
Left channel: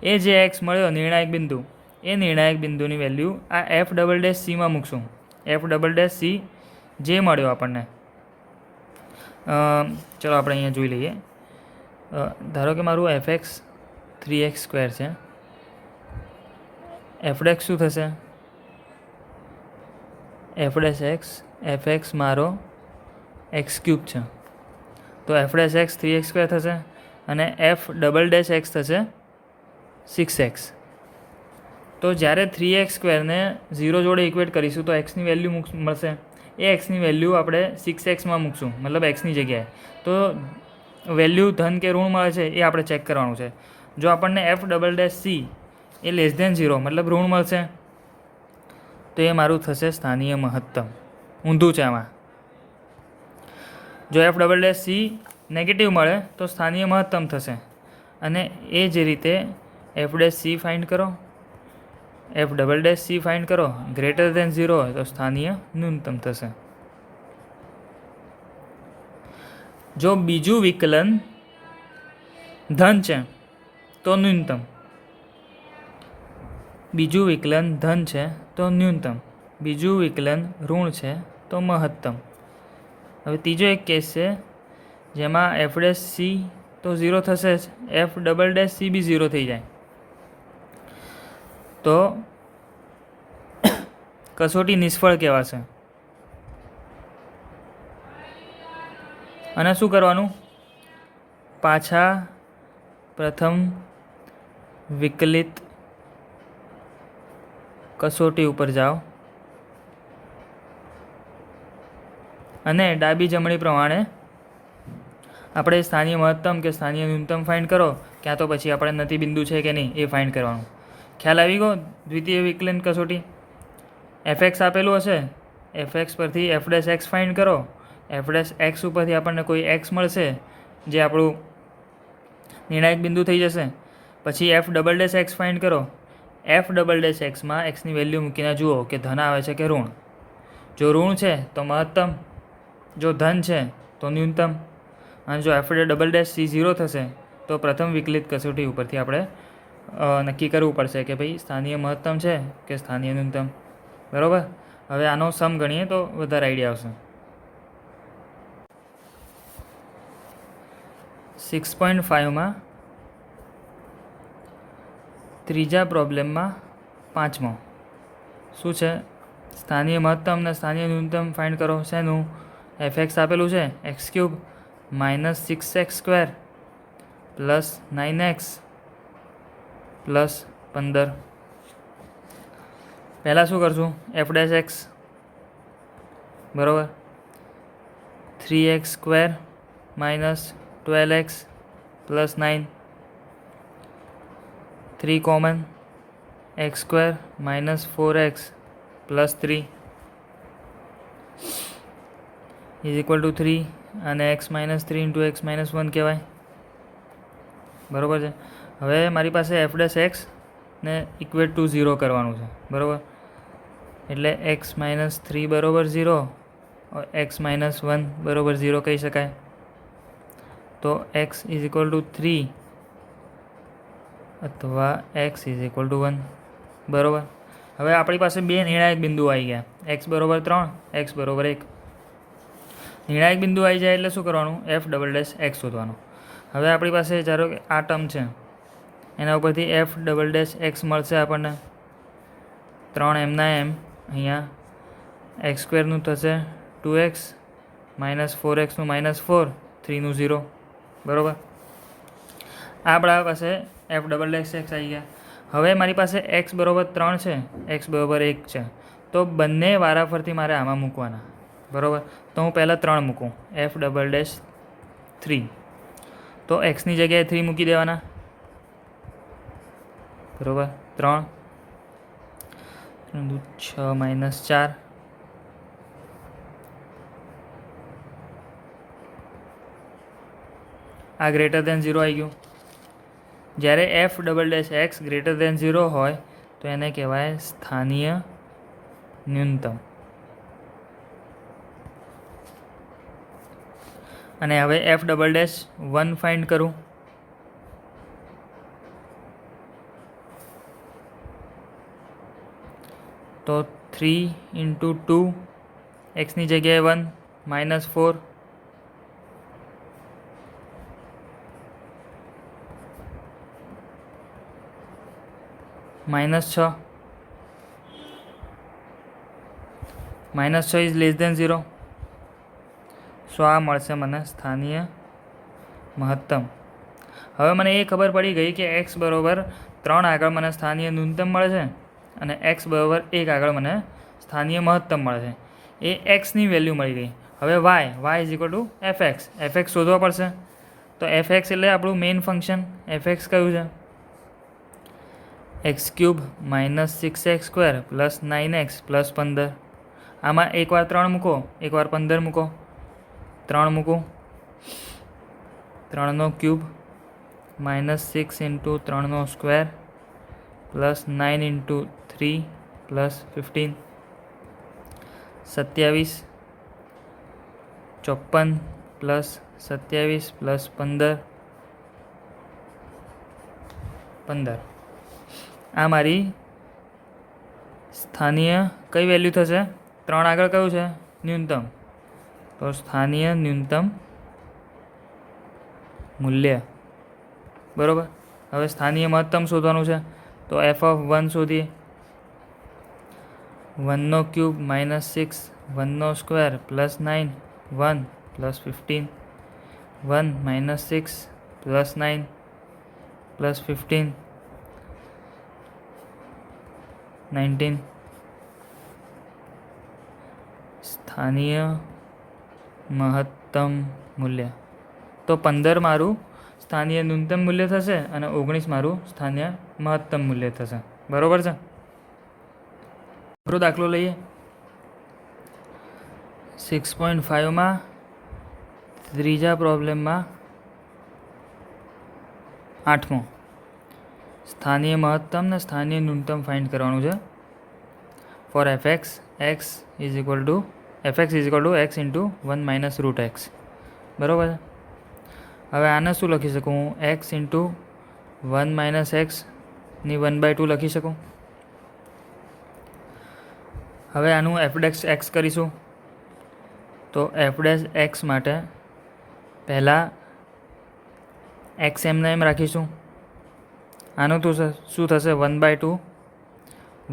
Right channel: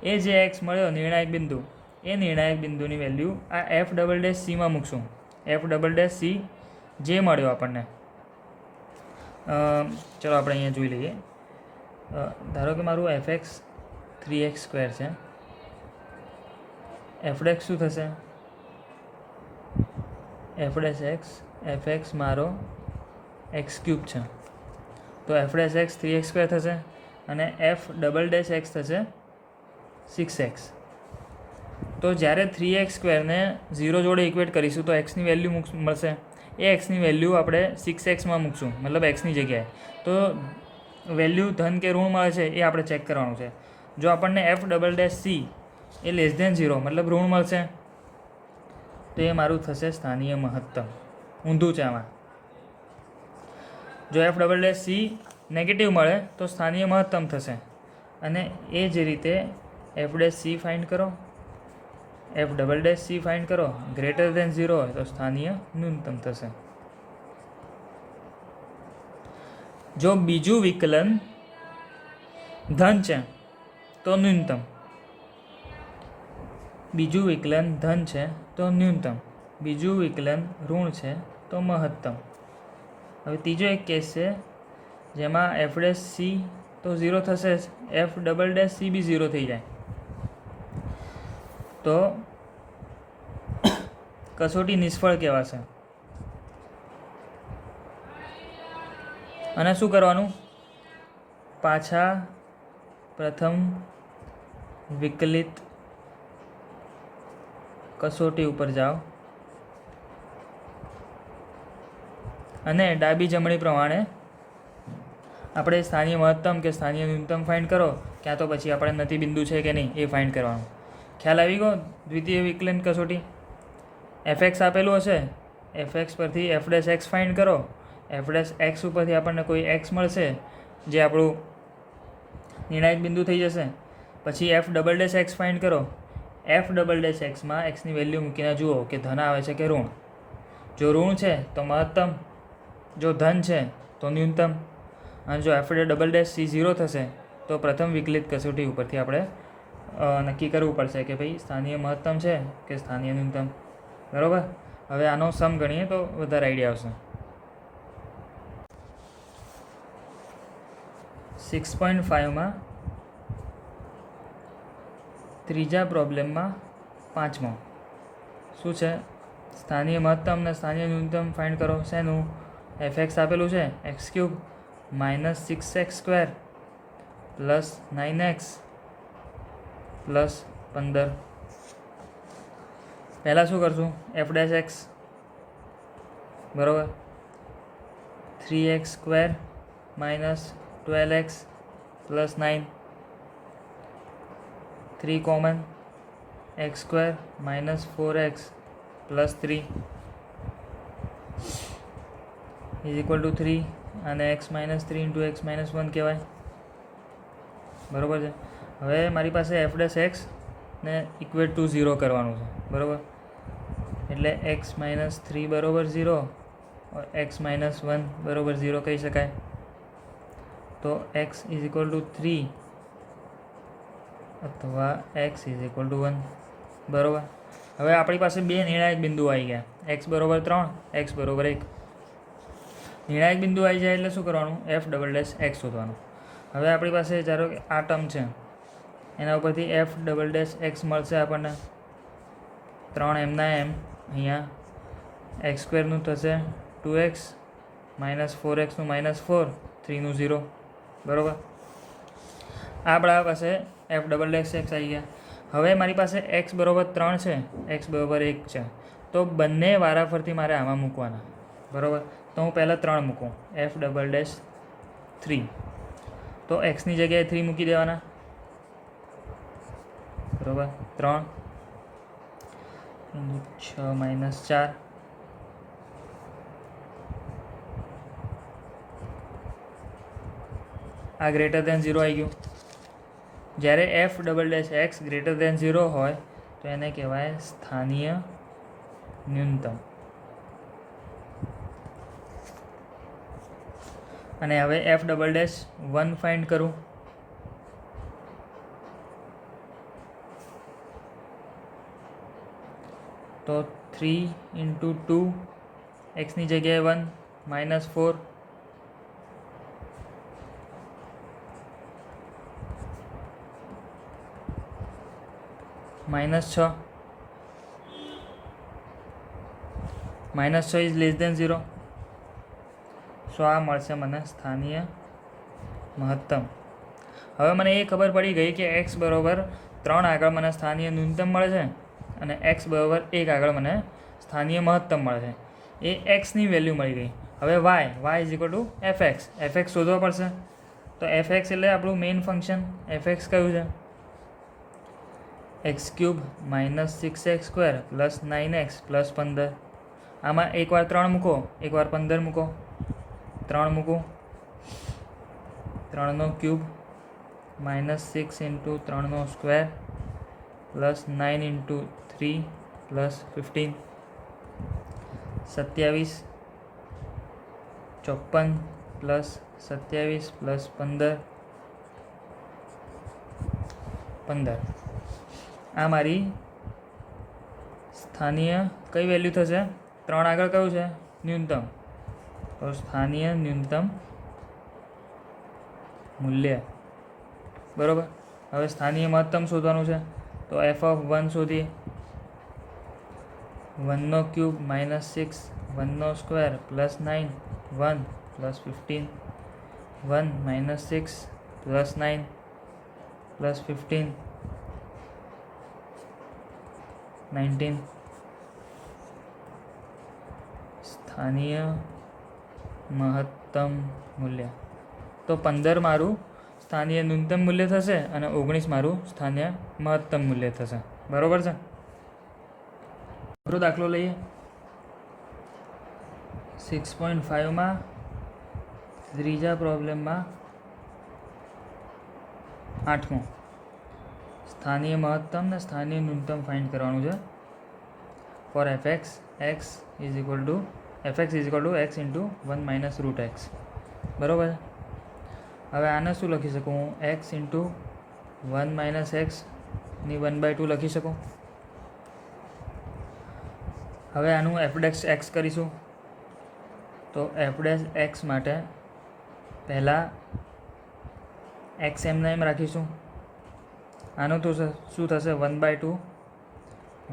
એ જે x મળ્યો નિર્ણાયક બિંદુ, એ નિર્ણાયક બિંદુની વેલ્યુ આ f'(c)માં મૂકશું. f'(c) જે મળ્યો આપણને, ચલો આપણે અહીંયા જોઈ લઈએ. ધારો કે મારું fx 3x² છે. f' શું થશે, fx મારો x³ છે, તો f'(x) 3x² થશે અને f'(x) થશે 6x. તો જ્યારે 3x² ને 0 જોડે ઇક્વેટ કરીશું તો એક્સની વેલ્યુ મળશે. એ એક્સની વેલ્યુ આપણે 6xમાં મૂકશું, મતલબ એક્સની જગ્યાએ. તો વેલ્યુ ધન કે ઋણ મળે છે એ આપણે ચેક કરવાનું છે. જો આપણને f'(c) એ <0 મતલબ ઋણ મળશે તો એ મારું થશે સ્થાનીય મહત્તમ. ઊંધું છે આમાં. જો f'(c) નેગેટિવ મળે તો સ્થાનીય મહત્તમ થશે. અને એ જ રીતે f'(c) ફાઇન્ડ કરો, f'(c) ફાઇન્ડ કરો, >0 હોય તો સ્થાનીય ન્યૂનતમ થશે. જો બીજું વિકલન ધન છે તો ન્યૂનતમ, બીજું વિકલન ધન છે તો ન્યૂનતમ, બીજું વિકલન ઋણ છે તો મહત્તમ. હવે ત્રીજો એક કેસ છે જેમાં f'(c) તો 0 થશે જ, f'(c) બી 0 થઈ જાય તો કસોટી નિષ્ફળ કહેવાશે. અને શું કરવાનું, પાછા પ્રથમ વિકલિત કસોટી ઉપર જાઓ અને ડાબી જમણી પ્રમાણે આપણે સ્થાનીય મહત્તમ કે સ્થાનીય ન્યૂનતમ ફાઇન્ડ કરો, ક્યાં તો પછી આપણે નથી બિંદુ છે કે નહીં એ ફાઇન્ડ કરવાનું. ખ્યાલ આવી ગયો. દ્વિતીય વિકલન કસોટી fx આપેલું હશે, fx પરથી f'(x) ફાઇન્ડ કરો, f'(x) ઉપરથી આપણને કોઈ x મળશે જે આપણું નિર્ણાયક બિંદુ થઈ જશે. પછી f'(x) ફાઇન્ડ કરો, f'(x)માં એક્સની વેલ્યુ મૂકીને જુઓ કે ધન આવે છે કે ઋણ. જો ઋણ છે તો મહત્તમ, જો ધન છે તો ન્યૂનતમ. અને જો f'(c) 0 થશે તો પ્રથમ વિકલિત કસોટી ઉપરથી આપણે નક્કી કરવું પડશે કે ભાઈ સ્થાનીય મહત્તમ છે કે સ્થાનીય ન્યૂનતમ. બરાબર. હવે આનો સમ ગણીએ તો વધારે આઈડિયા આવશે. 6.5માં ત્રીજા પ્રોબ્લેમમાં પાંચમો શું છે, સ્થાનીય મહત્તમ અને સ્થાનીય ન્યૂનતમ ફાઇન્ડ કરો. શેનું, fx આપેલું છે x³ -6x² + 9x + 15. પહેલાં શું કરશું, f'(x) બરાબર 3x² - 12x + 9, 3 common, x² - 4x + 3 = 3 અને x - 3 × x - 1 કહેવાય. બરાબર છે. હવે મારી પાસે f'(x) ને ઇક્વેટ ટુ 0 કરવાનું છે. બરાબર. એટલે x - 3 = 0, x - 1 = 0 કહી શકાય. તો x = 3 અથવા x = 1. બરાબર. હવે આપણી પાસે બે નિર્ણાયક બિંદુ આવી ગયા, x = 3, x = 1. નિર્ણાયક બિંદુ આવી જાય એટલે શું કરવાનું, f'(x) શોધવાનું. હવે આપણી પાસે ધારો કે આ ટર્મ છે, એના ઉપરથી f'(x) મળશે આપણને 3 એમના એમ. અહીંયા x² નું થશે 2x -4x નું -4, 3 નું 0. બરાબર. આપણા પાસે f'(x) આવી ગયા. હવે મારી પાસે x = 3 છે, x = 1 છે, તો બંને વારાફરતી મારે આમાં મૂકવાના. બરાબર. તો હું પહેલાં 3 મૂકું, f'(3). તો એક્સની જગ્યાએ 3 મૂકી દેવાના, બરાબર. 3 6 -4 આ ગ્રેટર દેન 0 આવી ગયું. જ્યારે f" ગ્રેટર દેન 0 હોય તો એને કહેવાય સ્થાનીય ન્યૂનતમ. અને હવે f"(1) ફાઇન્ડ કરું. તો 3 × 2 એક્સની જગ્યાએ 1 -4 -6 -6 ઇઝ લેસ દેન 0. સો આ મળશે મને સ્થાનીય મહત્તમ. હવે મને એ ખબર પડી ગઈ કે x બરાબર 3 આગળ મને સ્થાનીય ન્યૂનતમ મળે છે અને x બરાબર 1 આગળ મને સ્થાનીય મહત્તમ મળે છે. એ xની વેલ્યુ મળી ગઈ. હવે y=fx શોધવા પડશે. તો fx એટલે આપણું મેઇન ફંક્શન. fx કયું છે? x³ - 6x² + 9x + 15. આમાં એકવાર 3 મૂકો, એકવાર 15 મૂકો. 3 મૂકું, 3³ - 6 × 3² + 9 × 3 + 15 27 54 + 27 + 15. આ મારી સ્થાનીય કઈ વેલ્યુ થશે? 3 આગળ કયું છે? ન્યૂનતમ. તો સ્થાનીય ન્યૂનતમ મૂલ્ય, બરાબર. હવે સ્થાનીય મહત્તમ શોધવાનું છે. તો f(1) શોધીએ. 1³ - 6 1² + 9 1 + 15 1 - 6 + 9 + 15 19. સ્થાનીય મહત્તમ મૂલ્ય. તો 15 મારું સ્થાનીય ન્યૂનતમ મૂલ્ય થશે અને 19 મારું સ્થાનીય મહત્તમ મૂલ્ય થશે, બરાબર છે. દાખલો લઈએ. 6.5માં ત્રીજા પ્રોબ્લેમમાં 8મો સ્થાનીય મહત્તમ ને સ્થાનીય ન્યૂનતમ ફાઇન્ડ કરવાનું છે. For fx x = x × 1 - √x, બરાબર. હવે આને શું લખી શકું હું? x × 1 - x ની 1/2 લખી શકું. હવે આનું f' કરીશું. તો f' માટે પહેલાં x એમને એમ રાખીશું. આનું તો શું થશે? 1/2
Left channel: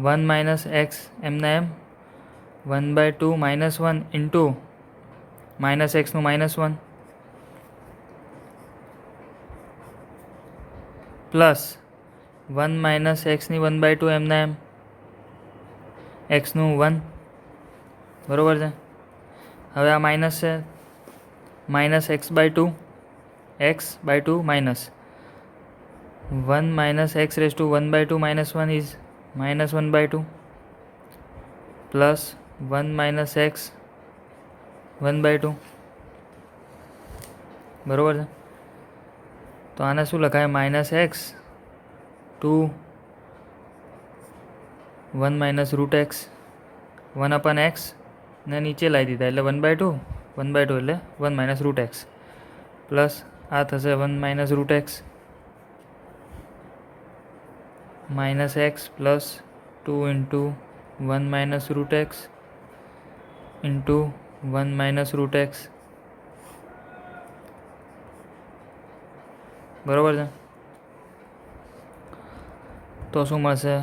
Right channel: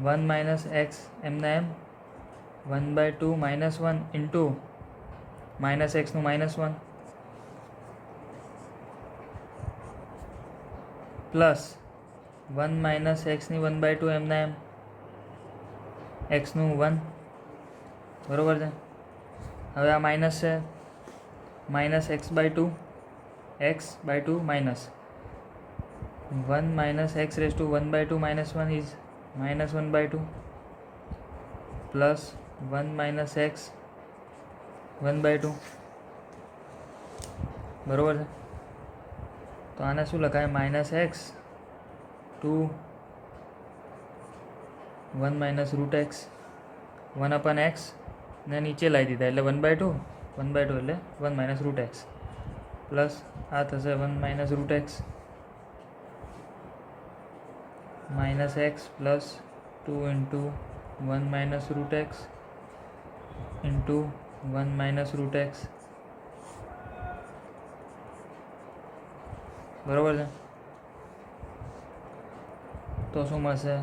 1 - x એમને એમ 1/2 - 1 × -x નું -1 પ્લસ 1 - x ની 1/2 એમને એમ x નું 1, બરાબર છે. હવે આ માઇનસ છે. -x/2 x/2 -1 - x⁻1/2 -1 is -1/2 plus 1 - x 1/2, બરાબર છે. તો આને શું લખાય? -x to 1 - √x 1/x ને નીચે લાવી દીધા એટલે 1/2 એટલે 1 - √x પ્લસ આ થશે 1 - √x -x plus 2 × 1 - √x into 1 - √x, બરાબર છે. તો શું મળશે?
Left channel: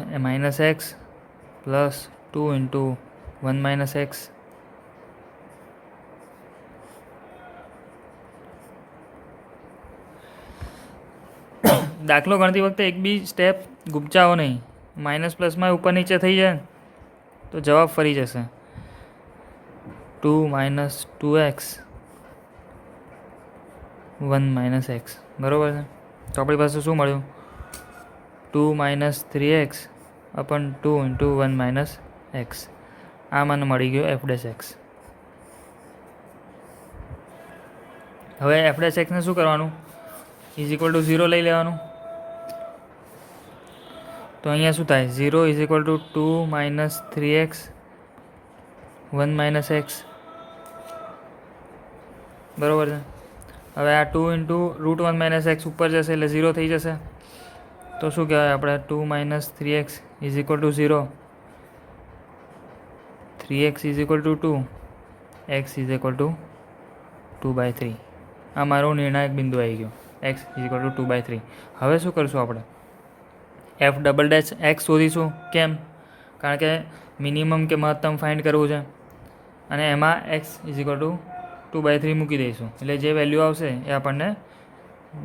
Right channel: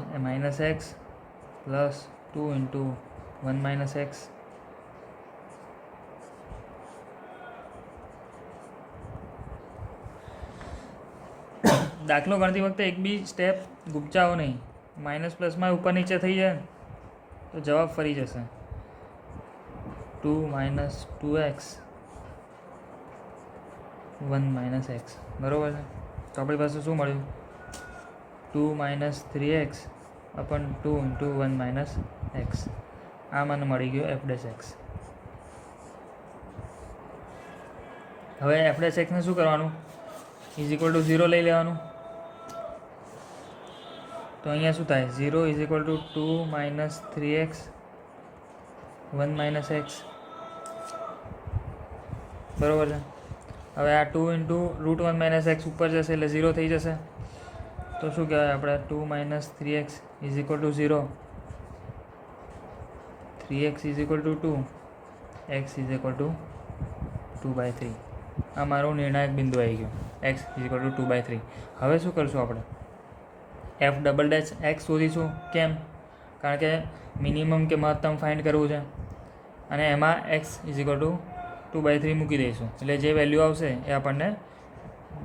-x પ્લસ 2 × 1 - x દાખલો ગણતી વખતે એક બી સ્ટેપ ગુપચાવો નહીં. માઇનસ પ્લસમાં ઉપર નીચે થઈ જાય તો જવાબ ફરી જશે. 2 - 2x 1 - x બરાબર છે. તો આપણી પાસે શું મળ્યું? 2 - 3x અપન 2 × 1 - x. આ મને મળી ગયો એફ ડેશ એક્સ. હવે એફ ડેશ એક્સને શું કરવાનું? = 0 લઈ લેવાનું. તો અહીંયા શું થાય? 0 = 2 - 3x 1 - x. બરાબર છે. હવે આ 2 × √1 - x ઉપર જશે એટલે 0 થઈ જશે. તો શું કહેવાય આપણે? 2 - 3x = 0, 3x = 2, x = 2/3. આ મારું નિર્ણાયક બિંદુ આવી ગયો, x = 2/3. હવે શું કરીશું આપણે? એફ ડબલ ડેશ એક્સ શોધીશું. કેમ? કારણ કે મિનિમમ કે મહત્તમ ફાઇન્ડ કરવું છે અને એમાં x = 2/3 મૂકી દઈશું એટલે જે વેલ્યુ આવશે એ આપણને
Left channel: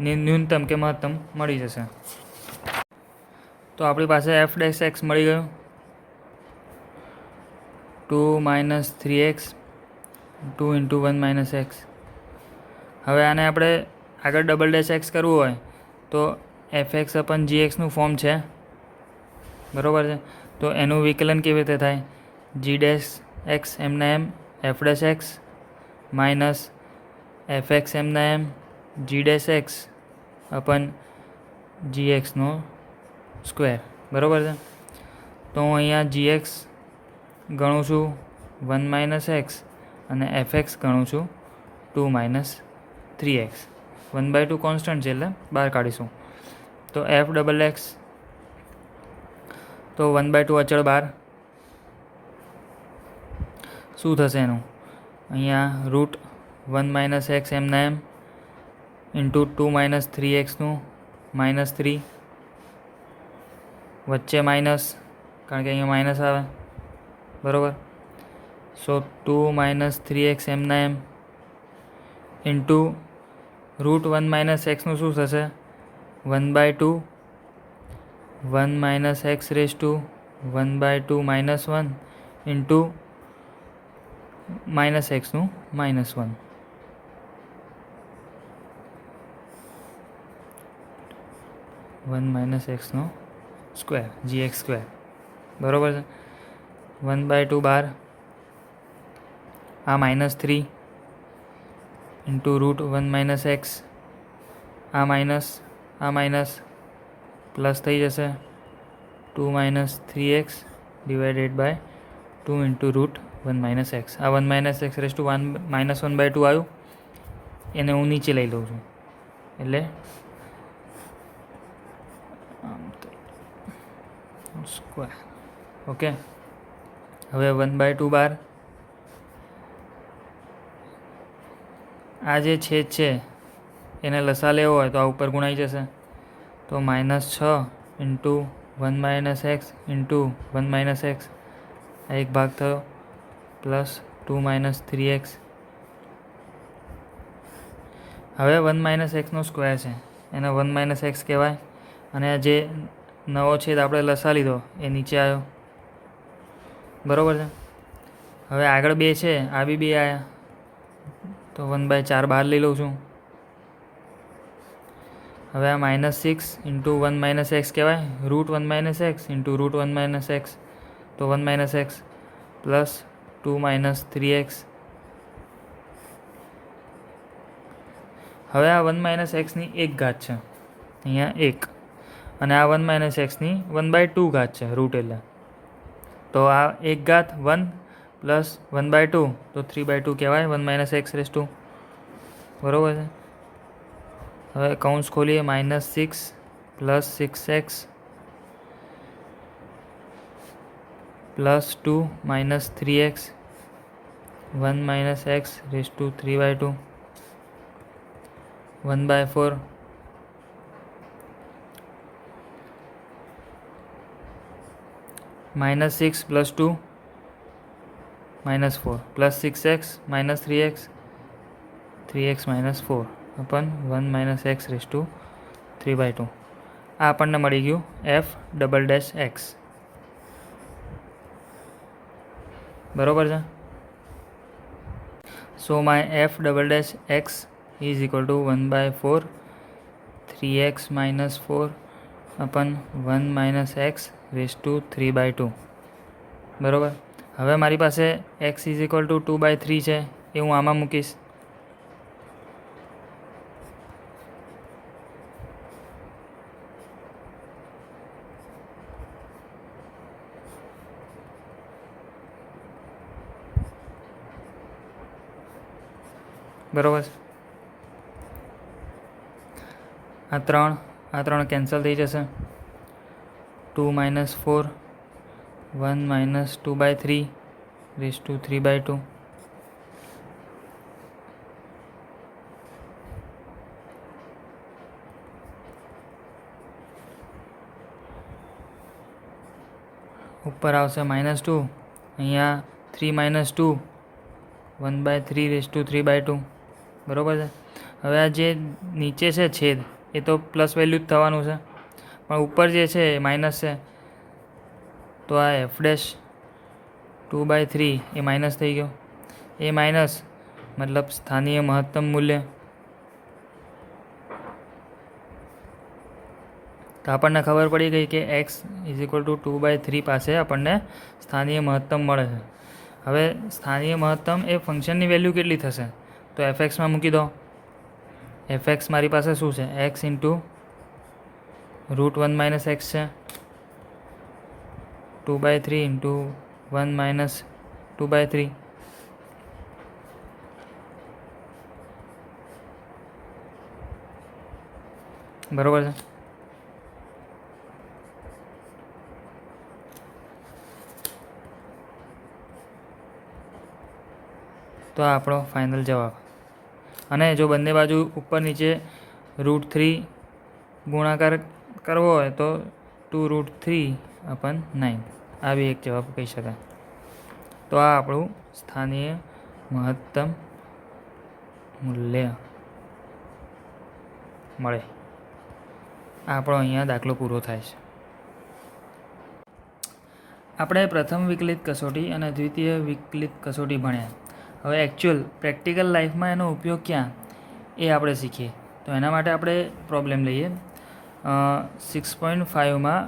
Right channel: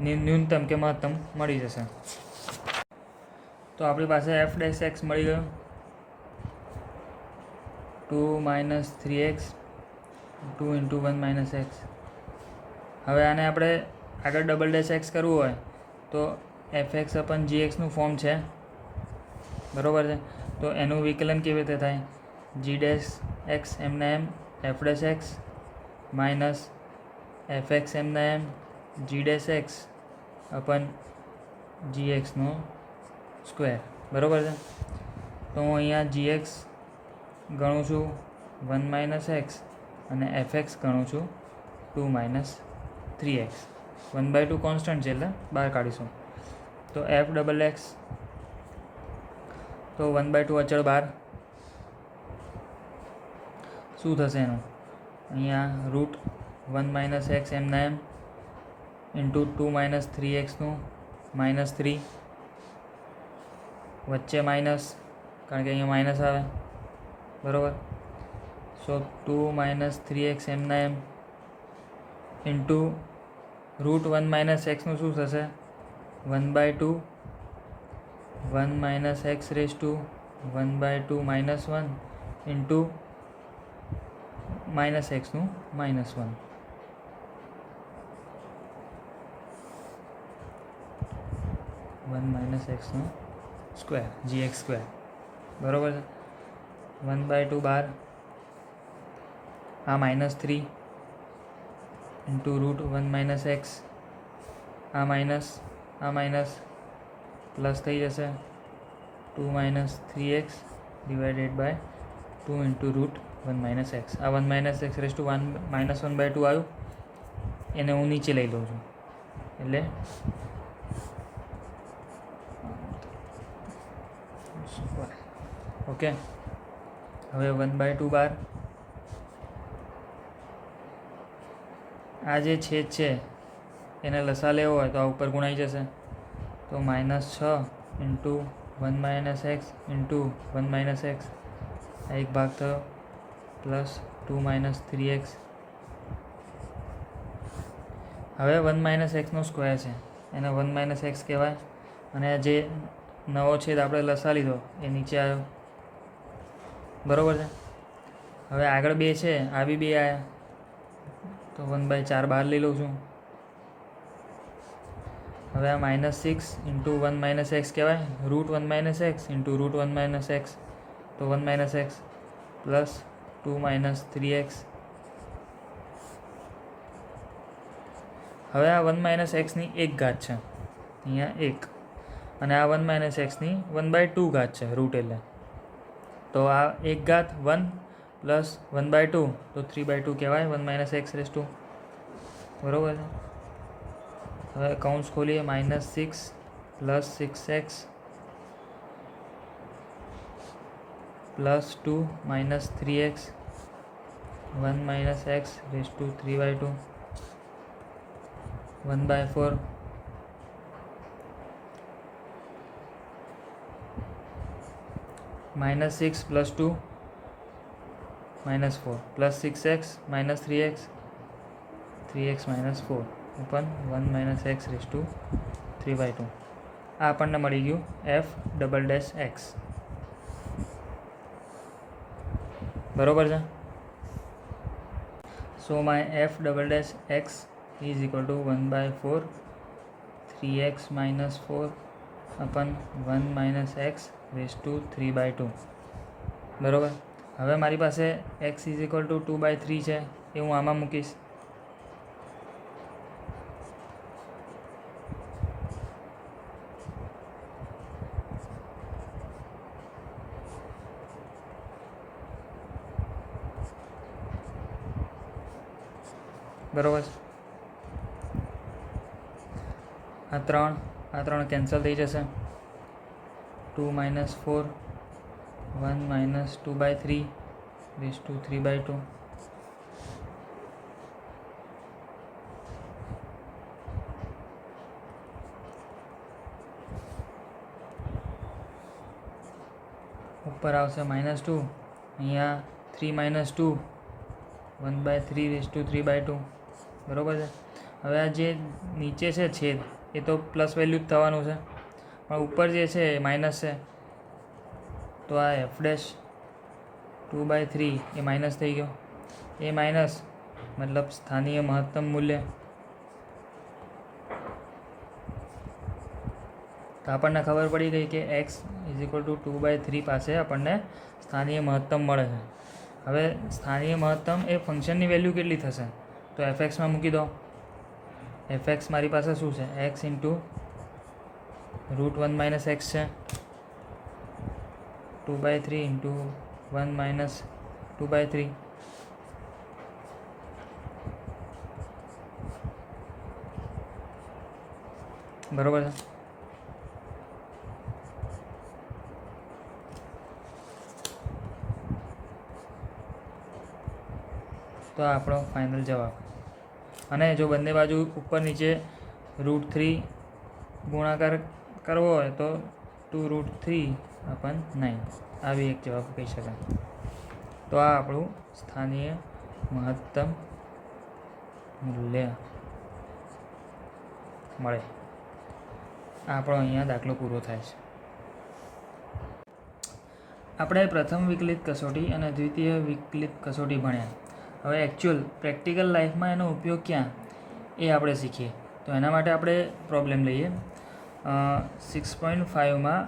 ન્યૂનતમ કે મહત્તમ મળી જશે. તો આપણી પાસે એફ ડેશ એક્સ મળી ગયું. 2 - 3x 2 × 1 - x. હવે આને આપણે આગળ ડબલ ડેશ એક્સ કરવું હોય તો fx અપન gxનું ફોર્મ છે. બરાબર છે. તો એનું વિકલન કેવી રીતે થાય? g ડેશ એક્સ એમના એમ f dash x minus fx એમના એમ g ડેશ એક્સ અપન gxનો સ્ક્વેર. બરાબર છે. તો હું અહીંયા gx ગણું છું 1 - x અને fx ગણું છું 2 - 3x. 1/2 કોન્સ્ટન્ટ છે એટલે બહાર કાઢીશું. તો એફ ડબલ એક્સ, તો 1/2 અચળ બહાર. શું થશે એનું? અહીંયા √1 - x એમના એમ ઇન્ટુ 2 - 3xનું -3 વચ્ચે માઇનસ, કારણ કે અહીંયા માઇનસ આવે. બરાબર. સો 2 - 3x એમના એમ ઇન્ટુ √1 - xનું શું થશે? 1/2 1 - x રેઝ ટુ 1/2 -1 ઇન્ટુ -xનું -1. -xનો સ્ક્વેર gx સ્ક્વેર. બરાબર છે. 1/2 બહાર. આ -3 ઇન્ટુ √1 - x. આ માઇનસ પ્લસ થઈ જશે. 2 - 3x divided by 2 into √1 - x. આ 1 - x રેઝ ટુ 1/2 આવ્યું, એને હું નીચે લઈ લઉં છું એટલે સ્ક્વેર. ઓકે. હવે 1/2 બહાર. આ જે છેદ છે એને લસા લેવો હોય તો આ ઉપર ગુણાઈ જશે. તો -6 ઇન્ટુ 1 - x ઇન્ટુ 1 - x. આ એક ભાગ થયો પ્લસ 2 - 3x. હવે 1 - xનો સ્ક્વેર છે એને 1 - x કહેવાય અને જે નવો છેદ આપણે લસા લીધો એ નીચે આવ્યો. બરાબર છે. હવે આગળ 2 છે, આ બી 2 આવ્યા તો 1/4 બહાર લઈ લઉં છું. હવે આ -6 ઇન્ટુ 1 - x કહેવાય, √1 - x ઇન્ટુ √1 - x. તો 1 - x પ્લસ 2 - 3x. હવે આ 1 - xની એક ઘાત છે અહીંયા 1 અને આ 1 - xની 1/2 ઘાત છે રૂટ એટલે. તો આ એક ઘાત 1 પ્લસ 1/2 તો 3/2 કહેવાય 1 - x રેઝ ટુ. બરાબર છે. હવે કૌંસ ખોલીએ. -6 plus 6x plus 2 - 3x 1 - x raise to 3/2 1/4 -6 plus 2 -4 plus 6x -3x 3x -4 upon 1 - x raise to 3/2. આ આપણને મળી ગયું એફ ડબલ ડેશ એક્સ. બરાબર છે. સો my F double dash x is equal two 1/4 3x-4 upon 1 - x⁻², બરાબર. હવે મારી પાસે x = 2/3 છે એ હું આમાં મૂકીશ. બરાબર. આ ત્રણ કેન્સલ થઈ જશે. 2 - 4 1 - 2/3 ઉપર આવશે -2. અહીંયા 3 - 2 1/3 બરાબર છે. હવે આ જે નીચે છે છેદ એ તો પ્લસ વેલ્યુ જ થવાનું છે, પણ ઉપર જે છે એ માઇનસ છે, તો આ f'(2/3) એ માઇનસ થઈ ગયો. એ માઇનસ મતલબ સ્થાનીય મહત્તમ મૂલ્ય. તો આપણને ખબર પડી ગઈ કે x = 2/3 પાસે આપણને સ્થાનીય મહત્તમ મળે છે. હવે સ્થાનીય મહત્તમ એ ફંક્શનની વેલ્યુ કેટલી થશે? તો fxમાં મૂકી દો. fx મારી પાસે શું છે? x × √1 - x છે. 2/3 × 1 - 2/3. બરાબર છે. તો આ આપણો ફાઇનલ જવાબ. અને જો બંને બાજુ ઉપર નીચે √3 ગુણાકાર કરવો હોય તો 2√3/9 આ બી એક જવાબ કહી શકાય. તો આ આપણું સ્થાનીય મહત્તમ મૂલ્ય મળે. આપણો અહીંયા દાખલો પૂરો થાય છે. આપણે પ્રથમ વિકલિત કસોટી અને દ્વિતીય વિકલિત કસોટી ભણ્યા. હવે એકચ્યુઅલ પ્રેક્ટિકલ લાઈફમાં એનો ઉપયોગ ક્યાં એ આપણે શીખીએ. તો એના માટે આપણે પ્રોબ્લેમ લઈએ. 6.5માં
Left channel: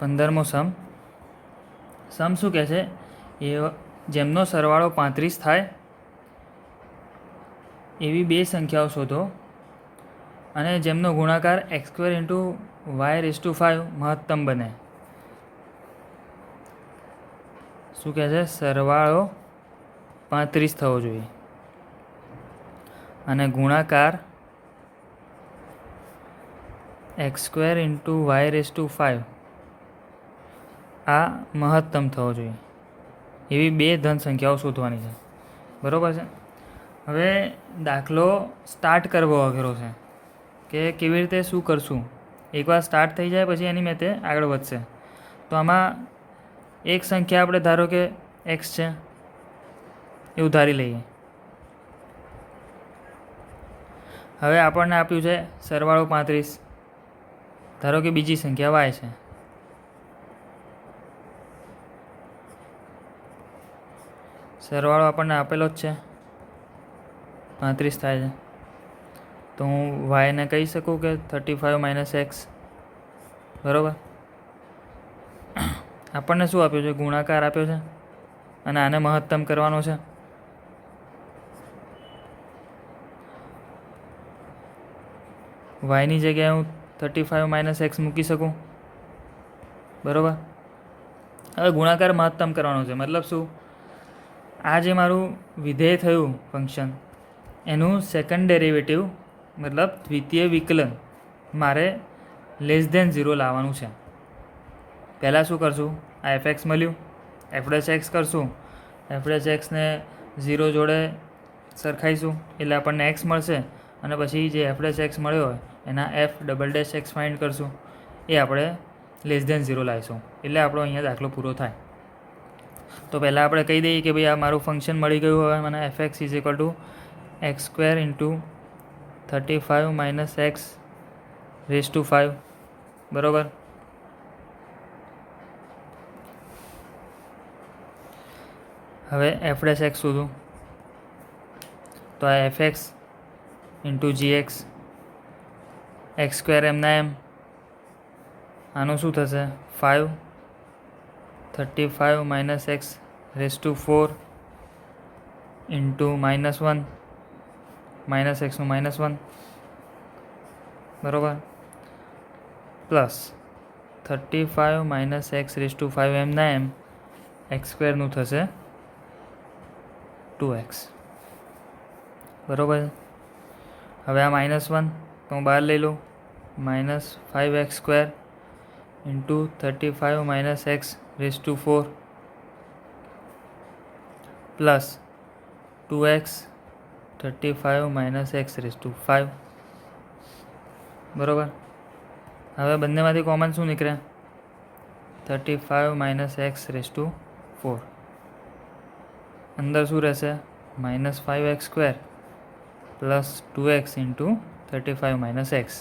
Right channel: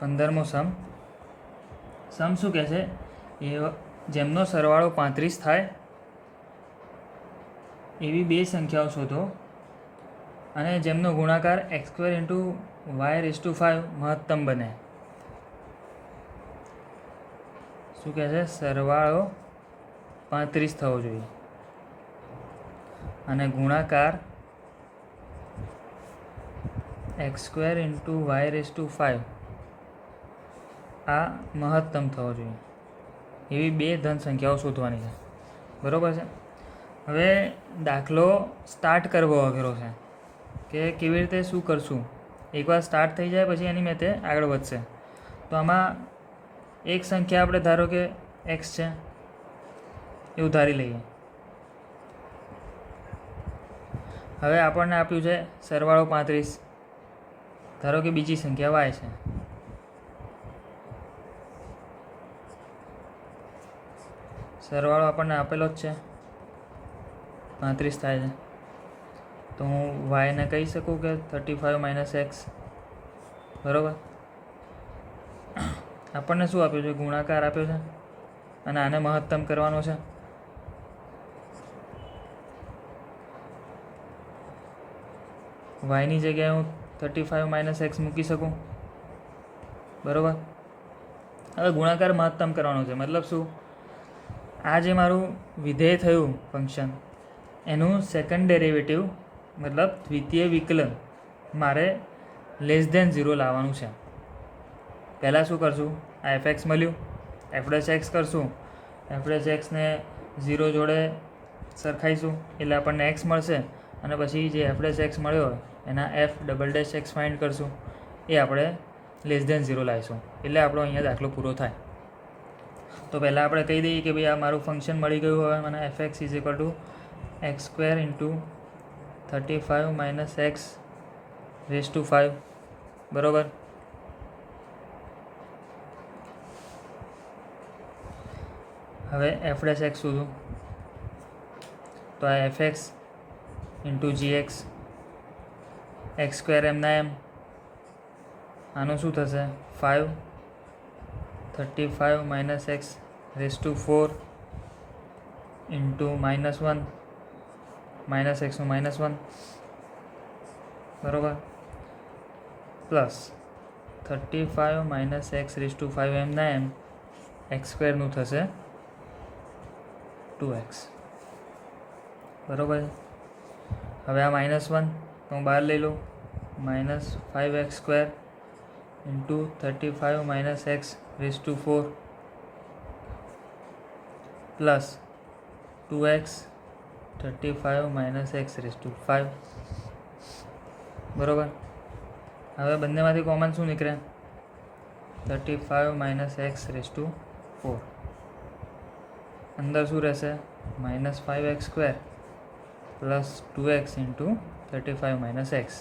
15મો સમ શું કહે છે? એ જેમનો સરવાળો 35 થાય એવી બે સંખ્યાઓ શોધો અને જેમનો ગુણાકાર x² × y5 મહત્તમ બને. શું કહે છે? સરવાળો 35 થવો જોઈએ અને ગુણાકાર x² × y5 આ મહત્તમ થવો જોઈએ. એવી બે ધન સંખ્યાઓ શોધવાની છે. બરાબર છે. હવે દાખલો સ્ટાર્ટ કરવો અઘરો છે કે કેવી રીતે શું કરશું. એકવાર સ્ટાર્ટ થઈ જાય પછી એની મેથે આગળ વધશે. તો આમાં એક સંખ્યા આપણે ધારો કે x છે એવું ધારી લઈએ. હવે આપણને આપ્યું છે સરવાળો 35. ધારો કે બીજી સંખ્યા y છે. સરવાળો આપણને આપેલો જ છે, 35 થાય છે. તો હું yને કહી શકું કે 35 - x. બરાબર. આપણને શું આપ્યું છે? ગુણાકાર આપ્યો છે અને આને મહત્તમ કરવાનો છે. yની જગ્યાએ હું 35 - x મૂકી શકું. બરાબર. હવે ગુણાકાર મહત્તમ કરવાનો છે. મતલબ શું? આ જે મારું વિધેય થયું ફંક્શન એનું સેકન્ડ ડેરિવેટિવ મતલબ દ્વિતીય વિકલન મારે <0 લાવવાનું છે. પહેલાં શું કરશું? આ fx મળ્યું, f'(x) કરશું. f'(x) ને 0 જોડે સરખાઈશું એટલે આપણને x મળશે. અને પછી જે f'(x) મળ્યો હોય એના f'(x) ફાઇન્ડ કરશું. એ આપણે <0 લાવીશું એટલે આપણો અહીંયા દાખલો પૂરો થાય. તો પહેલાં આપણે કહી દઈએ કે ભાઈ આ મારું ફંક્શન મળી ગયું. હવે મને fx = x² × 35 - x⁵. બરાબર. હવે f'(x) શોધું તો આ fx × gx એક્સ સ્ક્વેર એમના એમ, આનું શું થશે 5, 35 minus x raise to 4 into -1, minus એક્સનું -1 બરાબર, plus 35 minus x raise to 5 એમના એમ એક્સ સ્ક્વેરનું થશે 2x બરાબર. હવે આ -1 તો હું બહાર લઈ લઉં, -5x square into 35 minus x raise to 4 plus 2x 35 minus x raise to 5 બરાબર. હવે બંનેમાંથી કોમન શું નીકળે 35 માઇનસ એક્સ રેસ ટુ 4, અંદર શું રહેશે -5x square plus 2x into 35 minus x,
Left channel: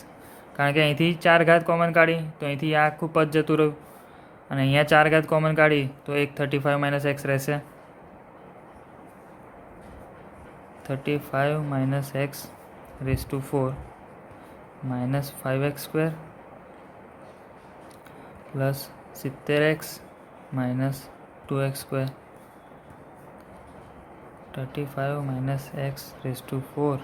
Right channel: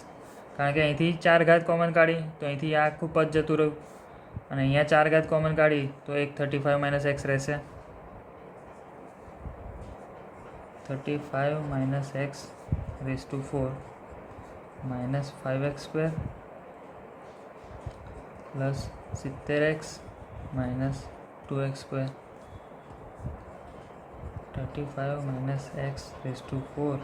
કારણ કે અહીંથી 4 ઘાત કોમન કાઢી તો અહીંથી આ આખું પદ જતું રહ્યું, અને અહીંયા 4 ઘાત કોમન કાઢી તો એક 35 માઇનસ એક્સ રહેશે. 35 minus x raise to 4 -5x square plus 70x minus 2x square, 35 minus x raise to 4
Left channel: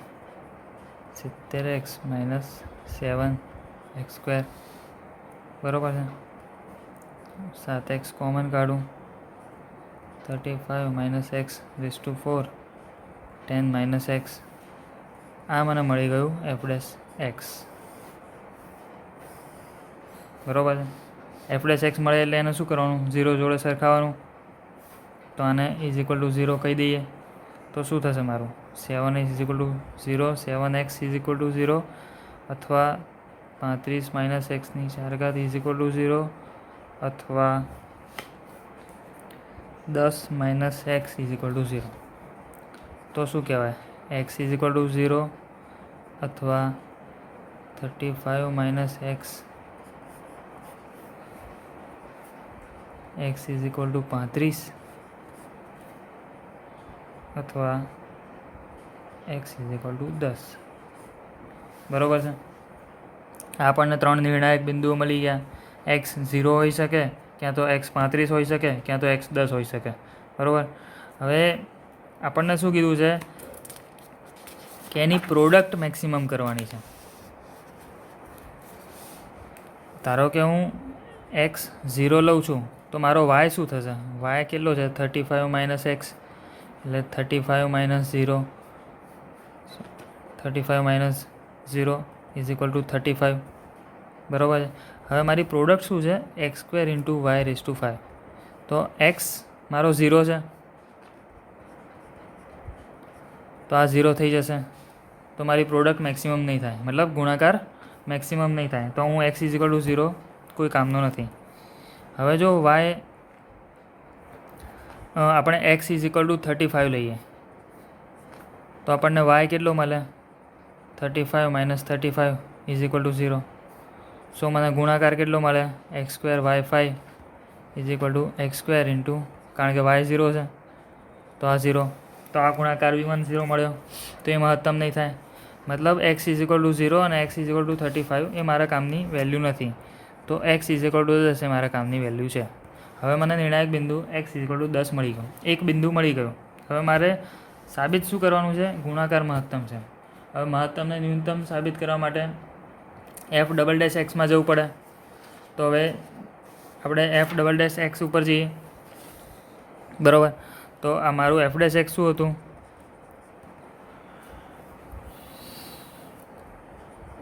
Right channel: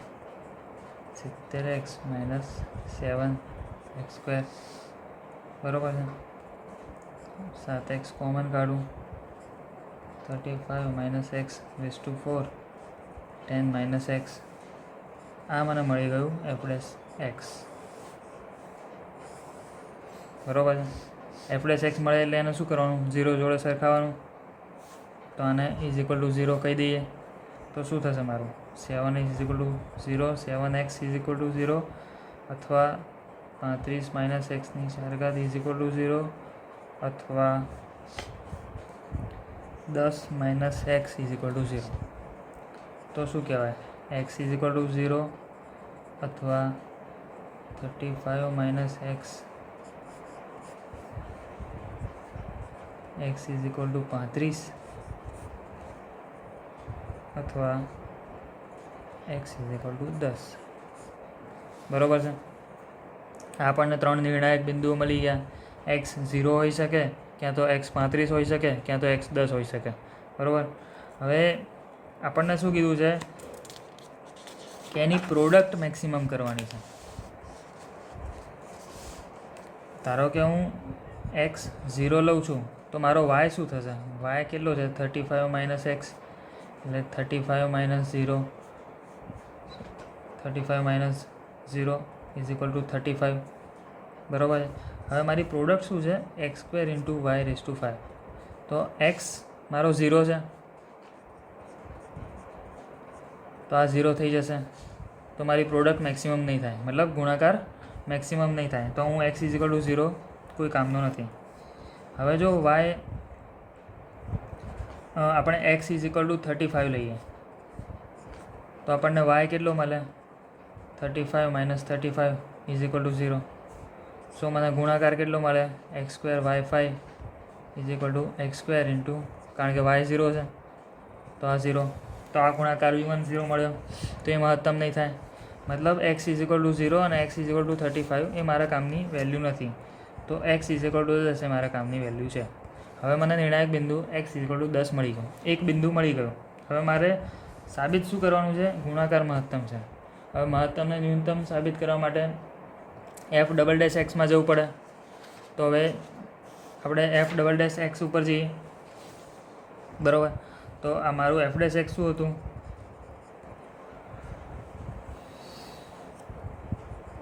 70x minus 7x square બરાબર છે. 7x કોમન કાઢું, 35 minus x raise to 4 10 minus x, આ મને મળી ગયું f ડેશ એક્સ બરાબર છે. f ડેશ એક્સ મળે એટલે એને શું કરવાનું 0 જોડે સરખાવવાનું, તો આને ઇઝ ઇક્વલ ટુ 0 કહી દઈએ તો શું થશે મારું 7 is equal to 0, 7x is equal to 0, અથવા 35 માઇનસ એક્સની 4 ઘાત ઇઝ ઇક્વલ ટુ 0, અથવા 10 minus x is equal to 0. તો શું કહેવાય એક્સ ઇઝ ઇક્વલ ટુ 0 અથવા 35 minus x is equal to 35 અથવા એક્સ ઇઝ ઇક્વલ ટુ 10 બરાબર છે. આપણને 3 નિર્ણાયક બિંદુઓ મળી ગયા. એક્સ 0 હોઈ શકે, ક્યાં તો એક્સ 35 હોઈ શકે, ક્યાં તો એક્સ 10 હોઈ શકે બરાબર. હવે આપણને શું કીધું છે કે એની પ્રોડક્ટ મેક્સિમમ કરવાની છે. ધારો કે હું એક્સ 0 લઉં છું તો મારો વાય શું થશે, વાય કેટલો છે 35 માઇનસ એક્સ, એટલે 35 minus 0, 35 minus 0 is equal to 35 બરાબર છે. હવે મારી પ્રોડક્ટ શું છે x square into y raise to 5, તો એક્સ મારો 0 છે તો આ 0 થઈ જશે, તો મારી પ્રોડક્ટ મેક્સિમમ નહીં થાય, મતલબ ગુણાકાર મેક્સિમમ નહીં થાય, તો હું એક્સ ઇઝ ઇક્વલ ટુ 0 કોઈ કામનો નથી. હવે જો વાય આપણે એક્સ ઇઝ ઇક્વલ ટુ 35 લઈએ તો આપણને વાય કેટલો મળે 35 minus 35 is equal to 0. So મને ગુણાકાર કેટલો મળે x square y 5 is equal to x square into, કારણ કે વાય 0 છે તો આ 0, તો આ ગુણાકાર બી 1 0 મળ્યો, તો એ મહત્તમ નહીં થાય. મતલબ એક્સ ઇઝ ઇક્વલ ટુ 0 અને એક્સ ઇઝ ઇક્વલ ટુ 35 એ મારા કામની વેલ્યુ નથી, તો એક્સ ઇઝ ઇક્વલ ટુ 10 એ મારા કામની વેલ્યુ છે. હવે મને નિર્ણાયક બિંદુ એક્સ ઇઝ ઇક્વલ ટુ 10 મળી ગયો, એક બિંદુ મળી ગયો. હવે મારે સાબિત શું કરવાનું છે, ગુણાકાર મહત્તમ છે. હવે મહત્તમને ન્યૂનતમ સાબિત કરવા માટે એફ ડબલ ડેશ એક્સમાં જવું પડે, તો હવે આપણે એફ ડબલ ડેશ એક્સ ઉપર જઈએ બરાબર. તો આ મારું એફ ડેશ એક્સ શું હતું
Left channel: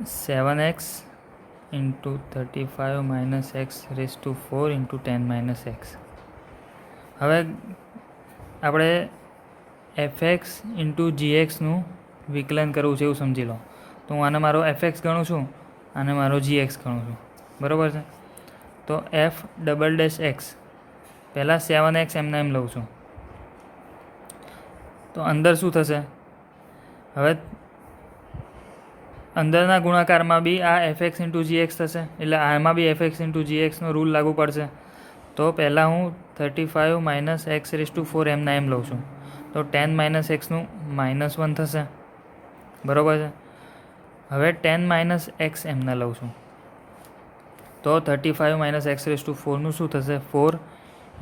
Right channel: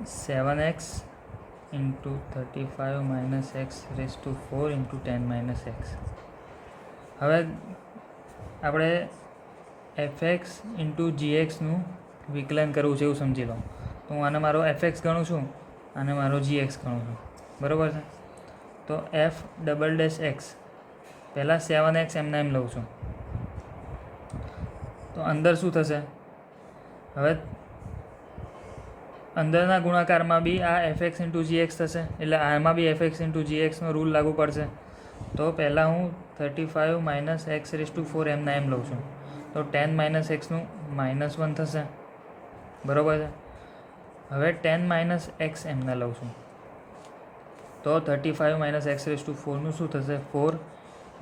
7x into 35 minus x raise to 4 into 10 minus x. હવે આપણે એફએક્સ ઇન્ટુ જીએક્સનું વિકલન કરવું છે એવું સમજી લો, તો હું આને મારો એફએક્સ ગણું છું અને મારો જીએક્સ ગણું છું બરાબર છે. તો એફ ડબલ ડેશ એક્સ પહેલાં 7x એમના એમ લઉં છું, તો અંદર શું થશે, હવે અંદરના ગુણાકારમાં બી આ એફએક્સ ઇન્ટુ જીએક્સ થશે, એટલે આમાં બી એફએક્સ ઇન્ટુ જીએક્સનો રૂલ લાગુ પડશે. તો પહેલાં હું 35 માઇનસ એક્સ રેસ ટુ 4 એમના એમ લઉં છું, તો 10 માઇનસ એક્સનું -1 થશે બરાબર છે. હવે 10 માઇનસ એક્સ એમને લઉં છું તો 35 માઇનસ એક્સ રેસ ટુ 4નું શું થશે? 4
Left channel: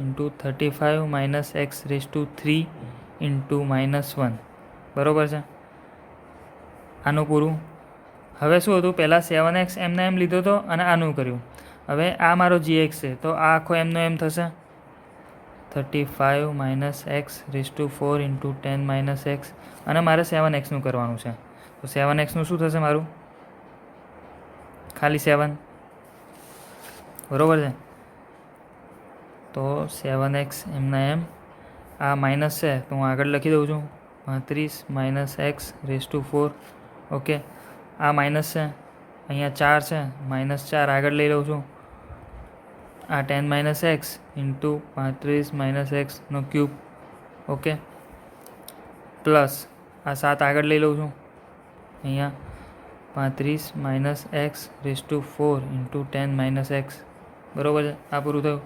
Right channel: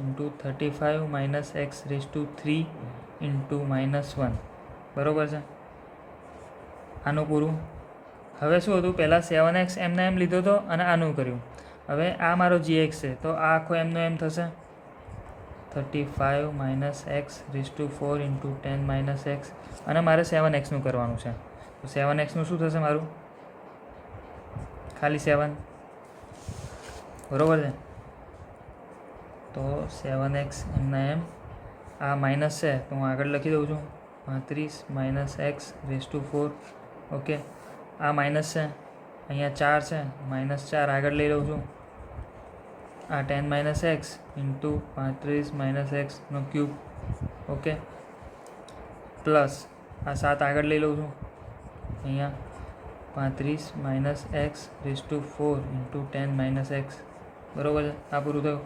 into 35 minus x raise two 3 into -1. બરાબર છે? આનું પૂરું. હવે શું હતું? પહેલાં 7x એમને એમ લીધો હતો અને આનું કર્યું. હવે આ મારો gx છે તો આ આખો એમનો એમ થશે 35 minus x raise to 4 into 10 minus x અને મારે 7xનું કરવાનું છે. તો 7xનું શું થશે મારું? ખાલી 7. બરાબર છે? તો 7x એમના એમ આ માઇનસ છે તો હું આગળ લખી દઉં છું 35 minus x raise to 4. Okay, આ માઇનસ છે, અહીંયા 4 છે, -4 આગળ લઈ લઉં છું. આ 10 માઇનસ એક્સ ઇન્ટુ 35 માઇનસ એક્સનો ક્યુબ. ઓકે, પ્લસ આ 7 આગળ લઈ લઉં છું. અહીંયા 35 minus x raise to 4 into 10 minus x. બરાબર છે? આ પૂરું થયું.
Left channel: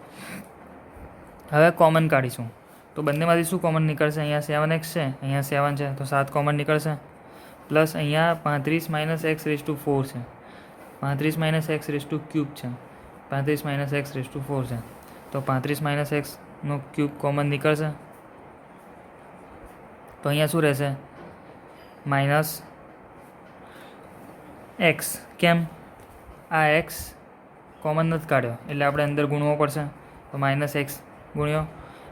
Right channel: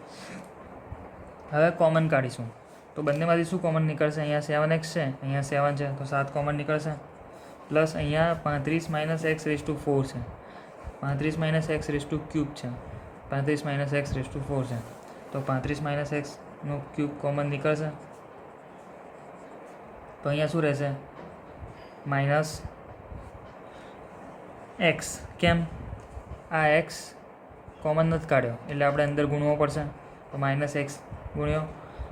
હવે કોમન કાઢીશું તો બંનેમાંથી શું કોમન નીકળશે? અહીંયા 7x છે, અહીંયા 7 છે તો 7 કોમન નીકળશે. પ્લસ અહીંયા 35 માઇનસ એક્સ રેસ ટુ 4 છે, 35 minus x raise two cube છે, 35 માઇનસ એક્સ રેસ ટુ 4 છે તો 35 માઇનસ એક્સનો ક્યુબ કોમન નીકળશે. તો અહીંયા શું રહેશે? Minus x. કેમ? આ એક્સ કોમન નથી કાઢ્યો એટલે આપણે અંદર ગુણવો પડશે. તો માઇનસ એક્સ ગુણ્યો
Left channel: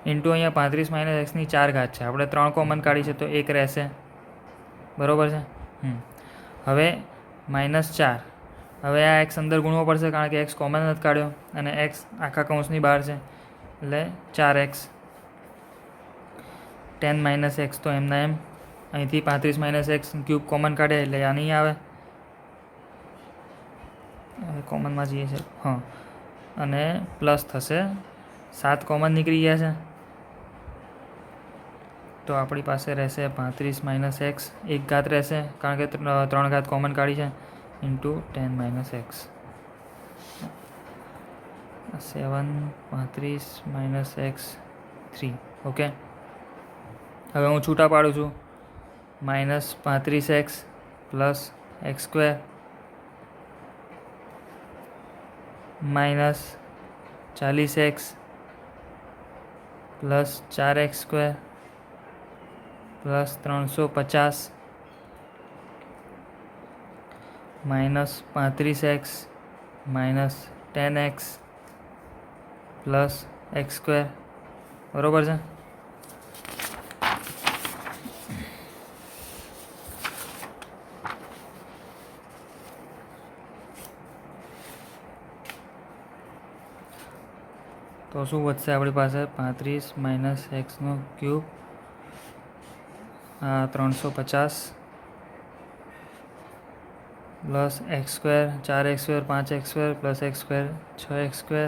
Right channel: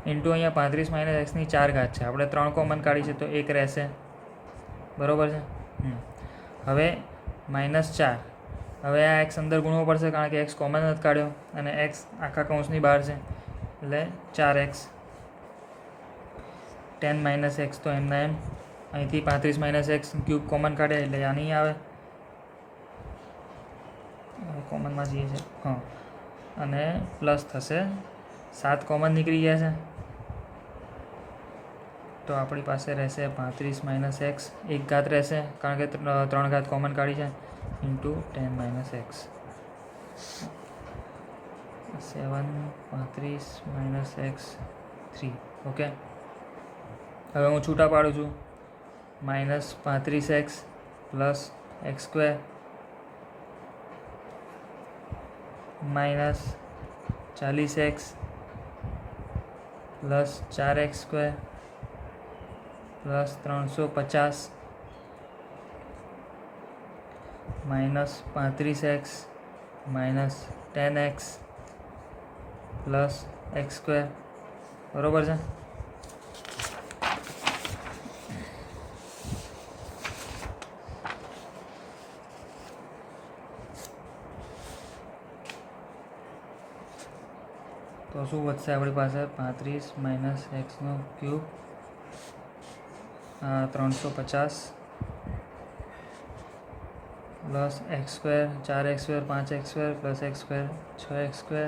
ઇન્ટુ અહીંયા 35 માઇનસ એક્સની 4 ઘાત છે, આપણે 3 કોમન કાઢી છે તો 1 રહેશે. બરાબર છે? હવે -4. હવે આ એક્સ અંદર ગુણવો પડશે કારણ કે એક્સ કોમન નથી કાઢ્યો અને એક્સ આખા કૌંસની બહાર છે એટલે 4x. 10 માઇનસ એક્સ તો એમના એમ. અહીંથી 35 માઇનસ એક્સ ક્યુબ કોમન કાઢે એટલે આ નહીં આવે, કોમનમાં જઈએ છે. હા, અને પ્લસ થશે 7 કોમન નીકળી ગયા છે તો આપણી પાસે રહેશે 35 માઇનસ એક્સ, 1 ઘાત રહેશે કારણ કે 3 ઘાત કોમન કાઢી છે into 10 minus x. 7 35 minus x 3. Okay, હવે હું છૂટા પાડું છું. -35x plus x square minus 40x plus 4x square plus 350 minus 35x minus 10x plus x square. બરાબર છે? તો શું વધશે આપણી પાસે? 35 માઇનસ એક્સનો cube 350 plus x square 4x square 5x square plus x square 6x square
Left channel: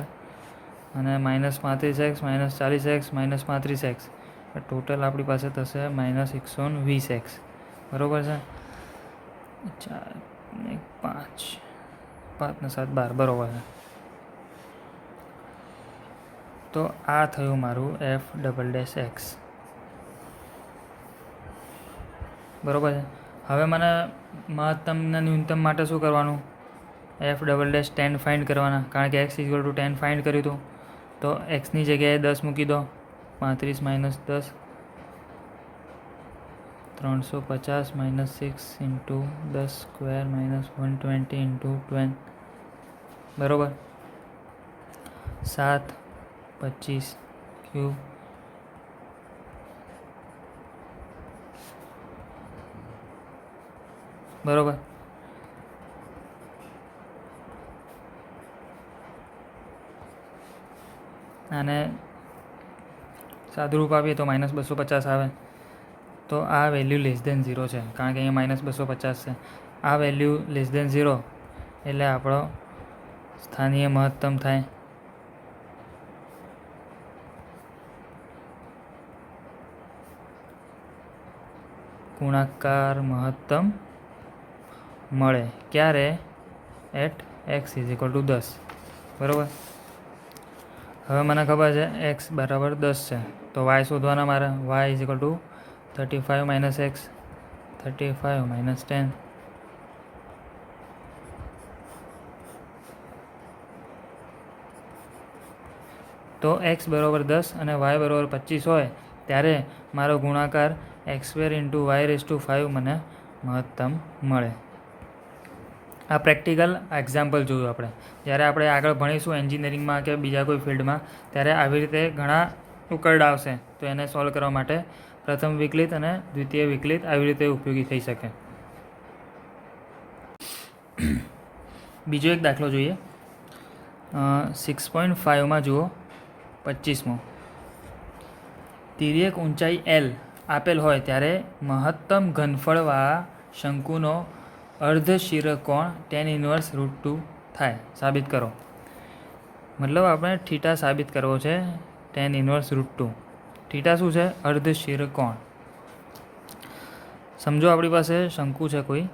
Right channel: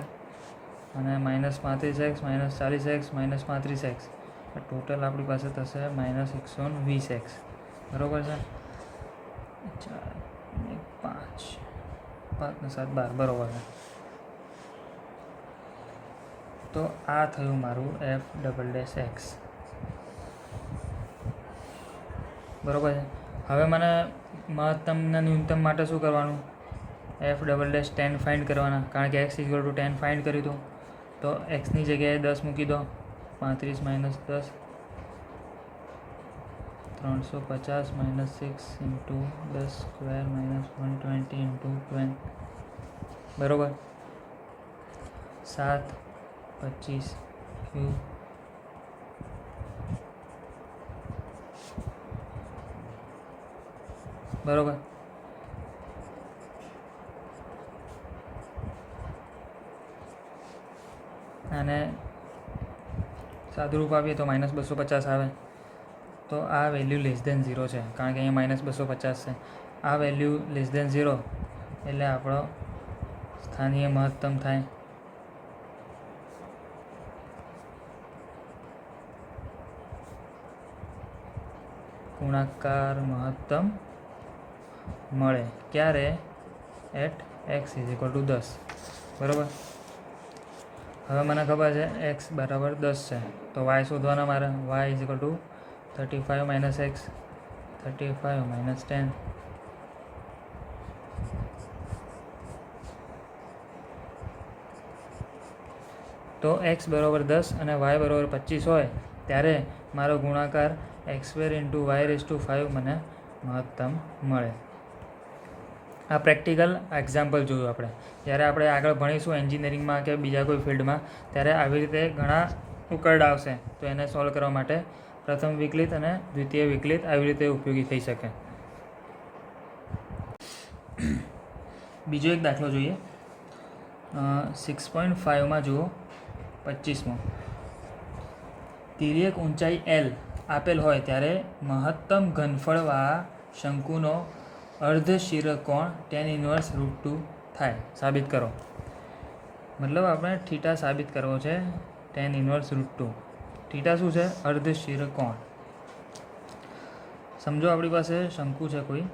અને -35x minus 40x minus 35x. Total આપણી પાસે થશે -120x. બરાબર છે? 4 ને 5 5 ને 7 12. બરાબર છે? તો આ થયું મારું f'(x). બરાબર છે? હવે મને મહત્તમ અને ન્યૂનતમ માટે શું કરવાનું? f'(10) ફાઇન્ડ કરવાના કારણ કે x = 10 ફાઇન્ડ કર્યું હતું તો એક્સની જગ્યાએ 10 મૂકી દો. 35 minus 10 350 minus 6 into 10 square minus 120 into 20. બરાબર? 7 25 ક્યુબ બરાબર. અને સાદુરૂપ આપીએ તો -250 આવે. તો આ વેલ્યુ <0 છે કારણ કે અહીંયા -250 છે. આ વેલ્યુ <0 એટલે આપણો સ્થાનીય મહત્તમ થાય. ગુણાકાર મહત્તમ મળે ક્યારે? At x = 10. બરાબર? હવે મને ખબર છે x બરાબર 10 છે તો y શોધવાના મારે. y = 35 માઇનસ એક્સ 35 માઇનસ 10 તો x બરાબર 10 અને y બરાબર 25 હોય ત્યારે મારો ગુણાકાર x² × y⁵ મને મહત્તમ મળે. આ પ્રેક્ટિકલ એક્ઝામ્પલ જોયું આપણે. જ્યારે આપણે આગળ ભણીશું એન્જિનિયરિંગમાં કે બીજા કોઈ ફિલ્ડમાં ત્યારે આવી રીતે ઘણા ઉકેલ આવશે. તો એને સોલ્વ કરવા માટે પ્રથમ વિકલિત અને દ્વિતીય વિકલિત આવી રીતે ઉપયોગી થઈ શકે. બીજો એક દાખલો જોઈએ. 6.5માં જુઓ 25મો. તિર્યક ઊંચાઈ L આપેલ હોય ત્યારે મહત્તમ ઘનફળવાળા શંકુનો અર્ધશિરકોણ tan inverse √2 થાય. સાબિત કરો. મતલબ આપણે થીટા સાબિત કરવો છે. tan inverse √2. થીટા શું છે? અર્ધશિરકોણ. સમજો આપણી પાસે શંકુ છે કોઈ,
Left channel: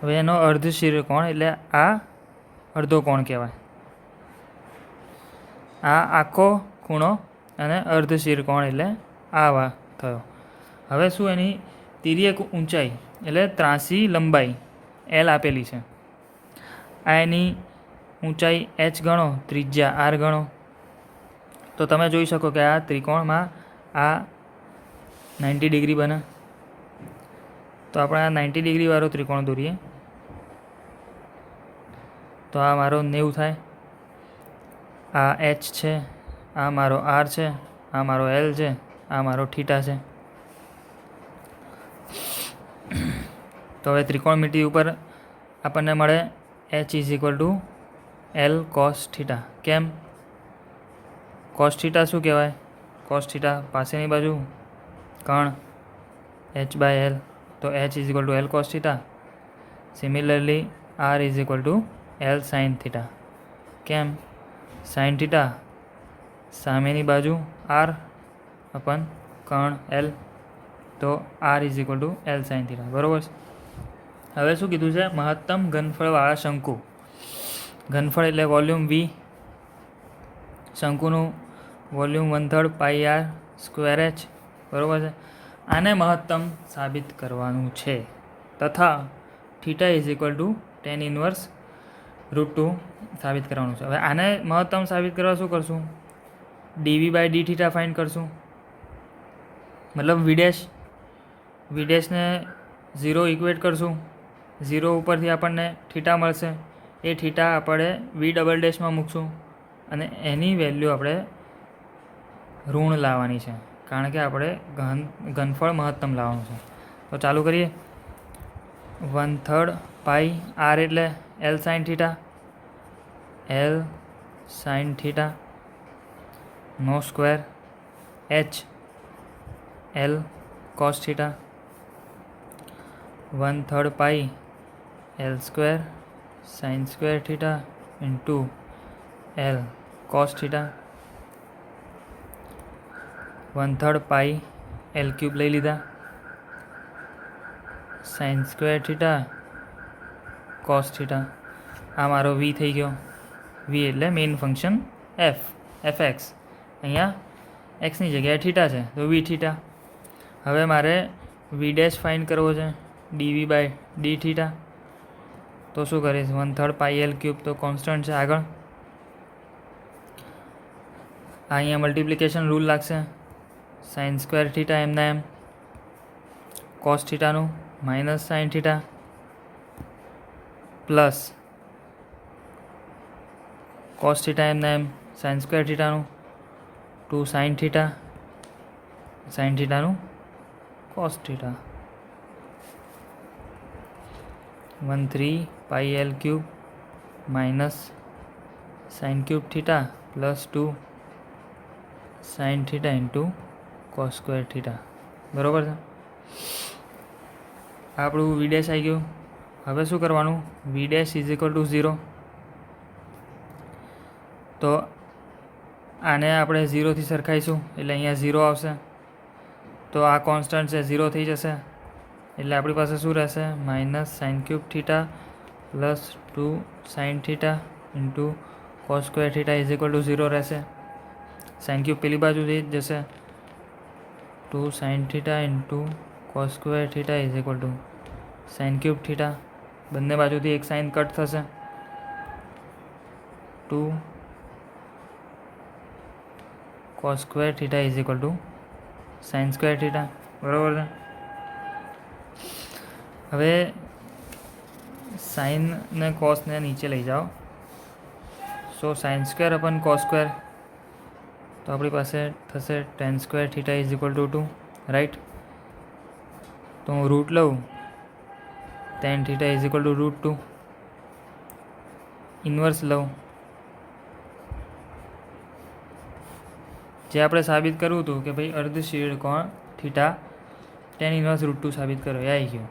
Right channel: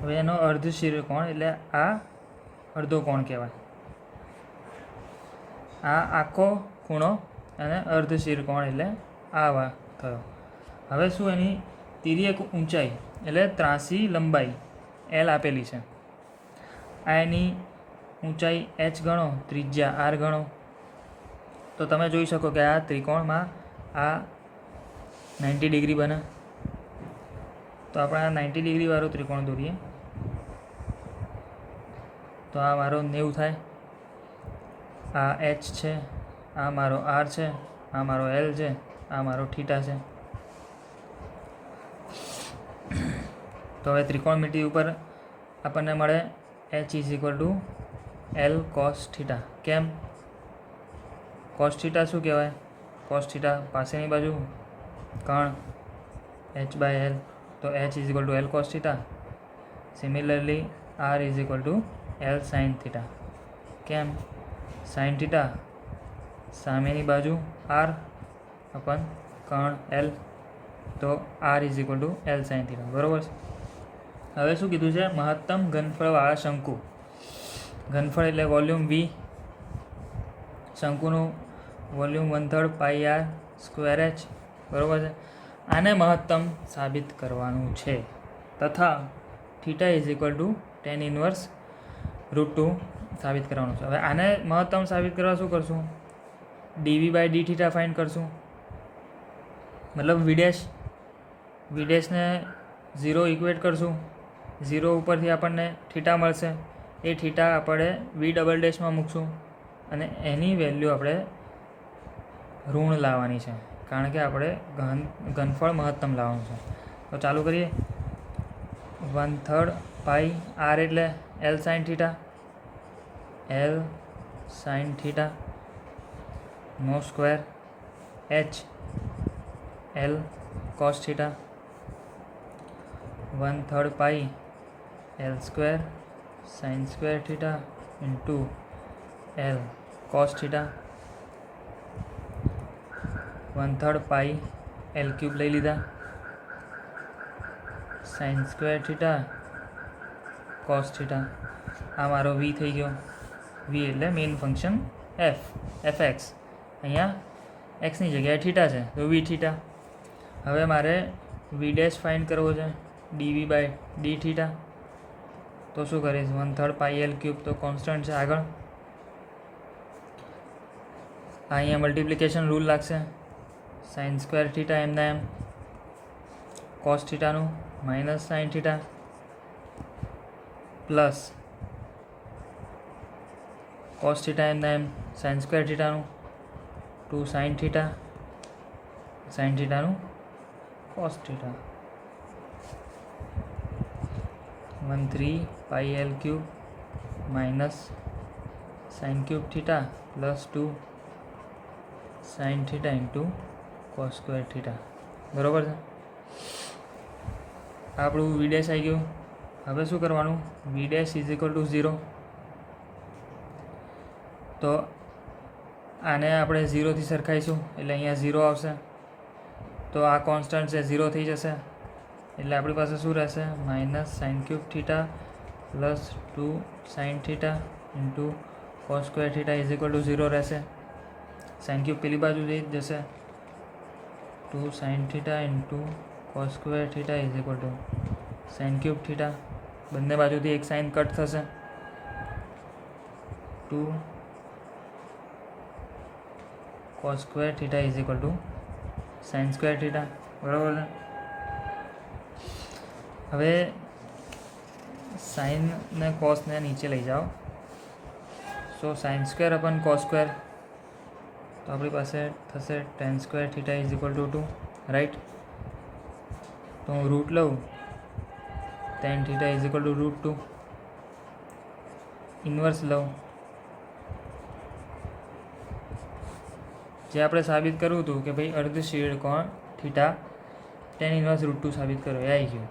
હવે એનો અર્ધશિરકોણ એટલે આ અડધો કોણ કહેવાય. આ આખો ખૂણો અને અર્ધશિરકોણ એટલે આ થયો. હવે શું એની તિર્યક ઊંચાઈ એટલે ત્રાસી લંબાઈ L આપેલી છે. આ એની ઊંચાઈ h ગણો, ત્રિજ્યા r ગણો. તો તમે જોઈ શકો કે આ ત્રિકોણમાં આ 90 ડિગ્રી બને. તો આપણે આ 90 ડિગ્રીવાળો ત્રિકોણ દોરીએ તો આ મારો 90 થાય. આ h છે, આ મારો r છે, આ મારો L છે, આ મારો થીટા છે. તો હવે ત્રિકોણમિતિ ઉપર આપણને મળે h = L cos θ. કેમ? cos θ શું કહેવાય? cos θ પાસેની બાજુ કર્ણ h/L, તો h = L cos θ. Similarly r = L sin θ. કેમ? sin θ સામેની બાજુ r અપન કર્ણ L, તો r = L sin θ. બરાબર છે. હવે શું કીધું છે? મહત્તમ ઘનફળવાળા શંકુ. ઘનફળ એટલે વોલ્યુમ V. શંકુનું volume 1/3 πr²h. બરાબર છે. આને મહત્તમ સાબિત કરવાનું છે તથા θ = tan inverse √2 સાબિત કરવાનું છે. હવે આને મહત્તમ સાબિત કરવા શું કરશું? dv/dθ ફાઇન્ડ કરશું. મતલબ v' ને 0 ઇક્વેટ કરશું. 0 ઉપરથી આપણને થીટા મળશે. એ થીટા આપણે v" મૂકશું અને એની વેલ્યુ આપણે ઋણ લાવવાની છે, કારણ કે આપણે ઘનફળ મહત્તમ લાવવાનું છે. તો ચાલુ કરીએ. 1/3 πr એટલે L sin θ, L sin θ નો square, h L cos θ, 1/3 π L² sin² θ into L cos θ, 1/3 π L³ લઈ લીધા, sin² θ cos θ. આ મારો v થઈ ગયો. v એટલે મેઇન ફંક્શન fx. અહીંયા એક્સની જગ્યાએ થીટા છે તો v θ. હવે મારે v' ફાઇન્ડ કરવો છે, dv/dθ. તો શું કરીશ? 1/3 π L³ તો કોન્સ્ટન્ટ છે આગળ. અહીંયા મલ્ટિપ્લિકેશન રૂલ લાગશે. sin² θ એમના એમ, cos θનું માઇનસ sin θ પ્લસ cos θ એમના એમ, sin² θનું 2 sin θ, sin θનું cos θ. 1/3 π L³ માઇનસ sin³ θ પ્લસ 2 sin θ ઇન્ટુ cos² θ. બરાબર છે. આપણું v' આવી ગયું. હવે શું કરવાનું? v' = 0. તો આને આપણે 0થી સરખાઈશું એટલે અહીંયા 0 આવશે. તો આ કોન્સ્ટન્ટ છે 0 થઈ જશે એટલે આપણી પાસે શું રહેશે? માઇનસ sin³ θ પ્લસ 2 sin θ ઇન્ટુ cos² θ = 0 રહેશે. sin³ પેલી બાજુ જઈ જશે, 2 sin θ into cos² θ = sine cube theta, બંને બાજુથી એક સાઇન કટ થશે, 2 cos square theta is equal to sine square theta. બરાબર છે. હવે સાઇન ને કોસને નીચે લઈ જાઓ, so sine square upon cos square, તો આપણી પાસે થશે tan square theta is equal to 2, right. તો હું રૂટ લઉં, tan theta is equal to root 2. Inverse લઉં, જે આપણે સાબિત કરવું હતું કે ભાઈ અર્ધ શેડ કોણ થીટા ટેન ઇન્વર્સ રૂટ 2 સાબિત કરો, એ આવી ગયું.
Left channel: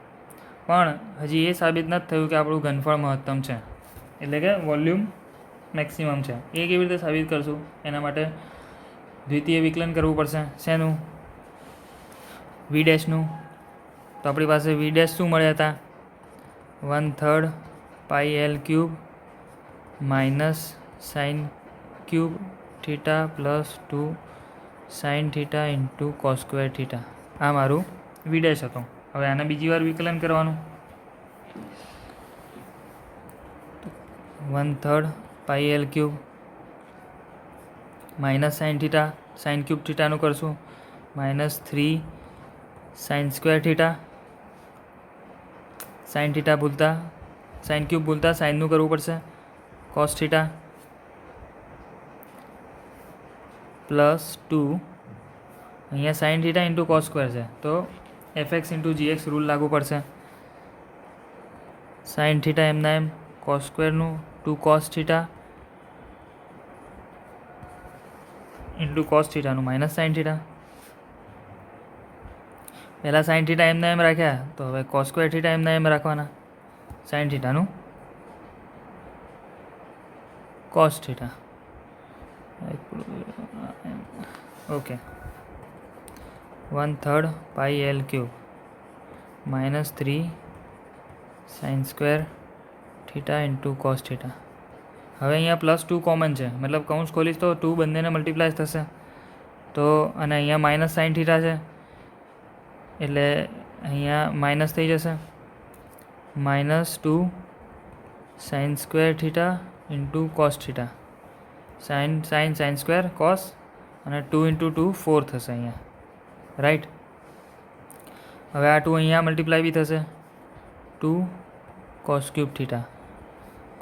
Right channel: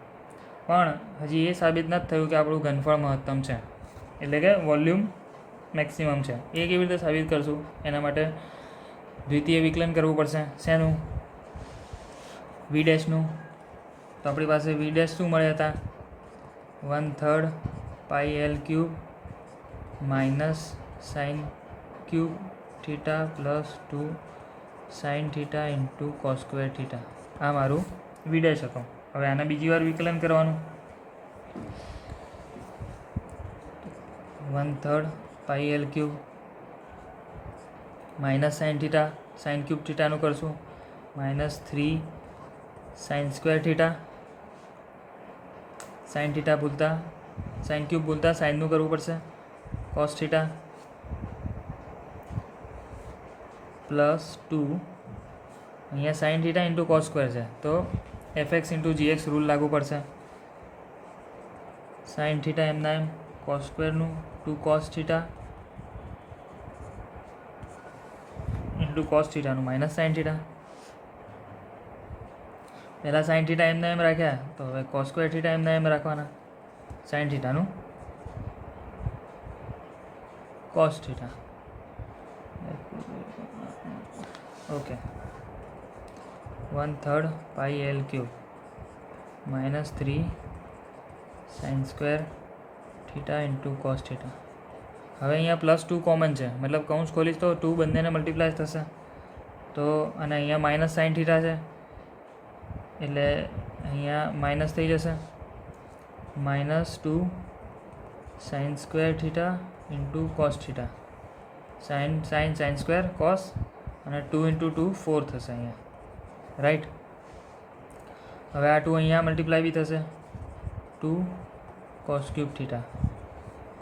પણ હજી એ સાબિત નથી થયું કે આપણું ઘનફળ મહત્તમ છે, એટલે કે વોલ્યુમ મેક્સિમમ છે. એ કેવી રીતે સાબિત કરશું? એના માટે દ્વિતીય વિકલન કરવું પડશે. શેનું? વી ડેશનું. તો આપણી પાસે વી ડેશ શું મળ્યા હતા? 1/3 pi L cube minus sine cube theta plus 2 sine theta into cos square theta. આ મારું વી ડેશ હતો. હવે આને બીજી વાર વિકલન કરવાનું. 1/3 pi L cube minus sine theta, sine cube થીટાનું કરશું, minus 3 sine square theta, sine theta ભૂલતા, સાઇન ક્યુબ ભૂલતા સાઇનનું કરવું પડશે, કોસ થીટા પ્લસ 2, અહીંયા sine theta into cos square છે, તો એફએક્સ ઇન્ટુ જીએક્સ રૂલ લાગુ પડશે. સાઇન થીટા એમના એમ, કોસ સ્ક્વેરનું 2 કોસ થીટા ઇન્ટુ કોસ થીટાનું માઇનસ સાઇન થીટા. પહેલાં સાઇન થીટા એમના એમ રાખ્યા, તો હવે કોસ સ્ક્વેર થીટા એમના એમ રાખવાના, સાઇન થીટાનું cos theta. Okay. 1/3 pi L cube minus 3 sine square theta into cos theta. હવે અહીંયા +2 કોમન છે, મતલબ કૌંસ ખોલીશ તો 2 બંનેને મલ્ટીપ્લાય થશે, તો અને અહીંયા માઇનસ સાઇન થીટા છે એટલે અહીંયા માઇનસ થઈ જશે, -2 sign square theta into cos theta. Sign square cos અને 2 × 2 4 થશે અહીંયા, રાઈટ. હવે આ 2 અહીંયા મલ્ટીપ્લાય બી થશે, 2 cos cube theta,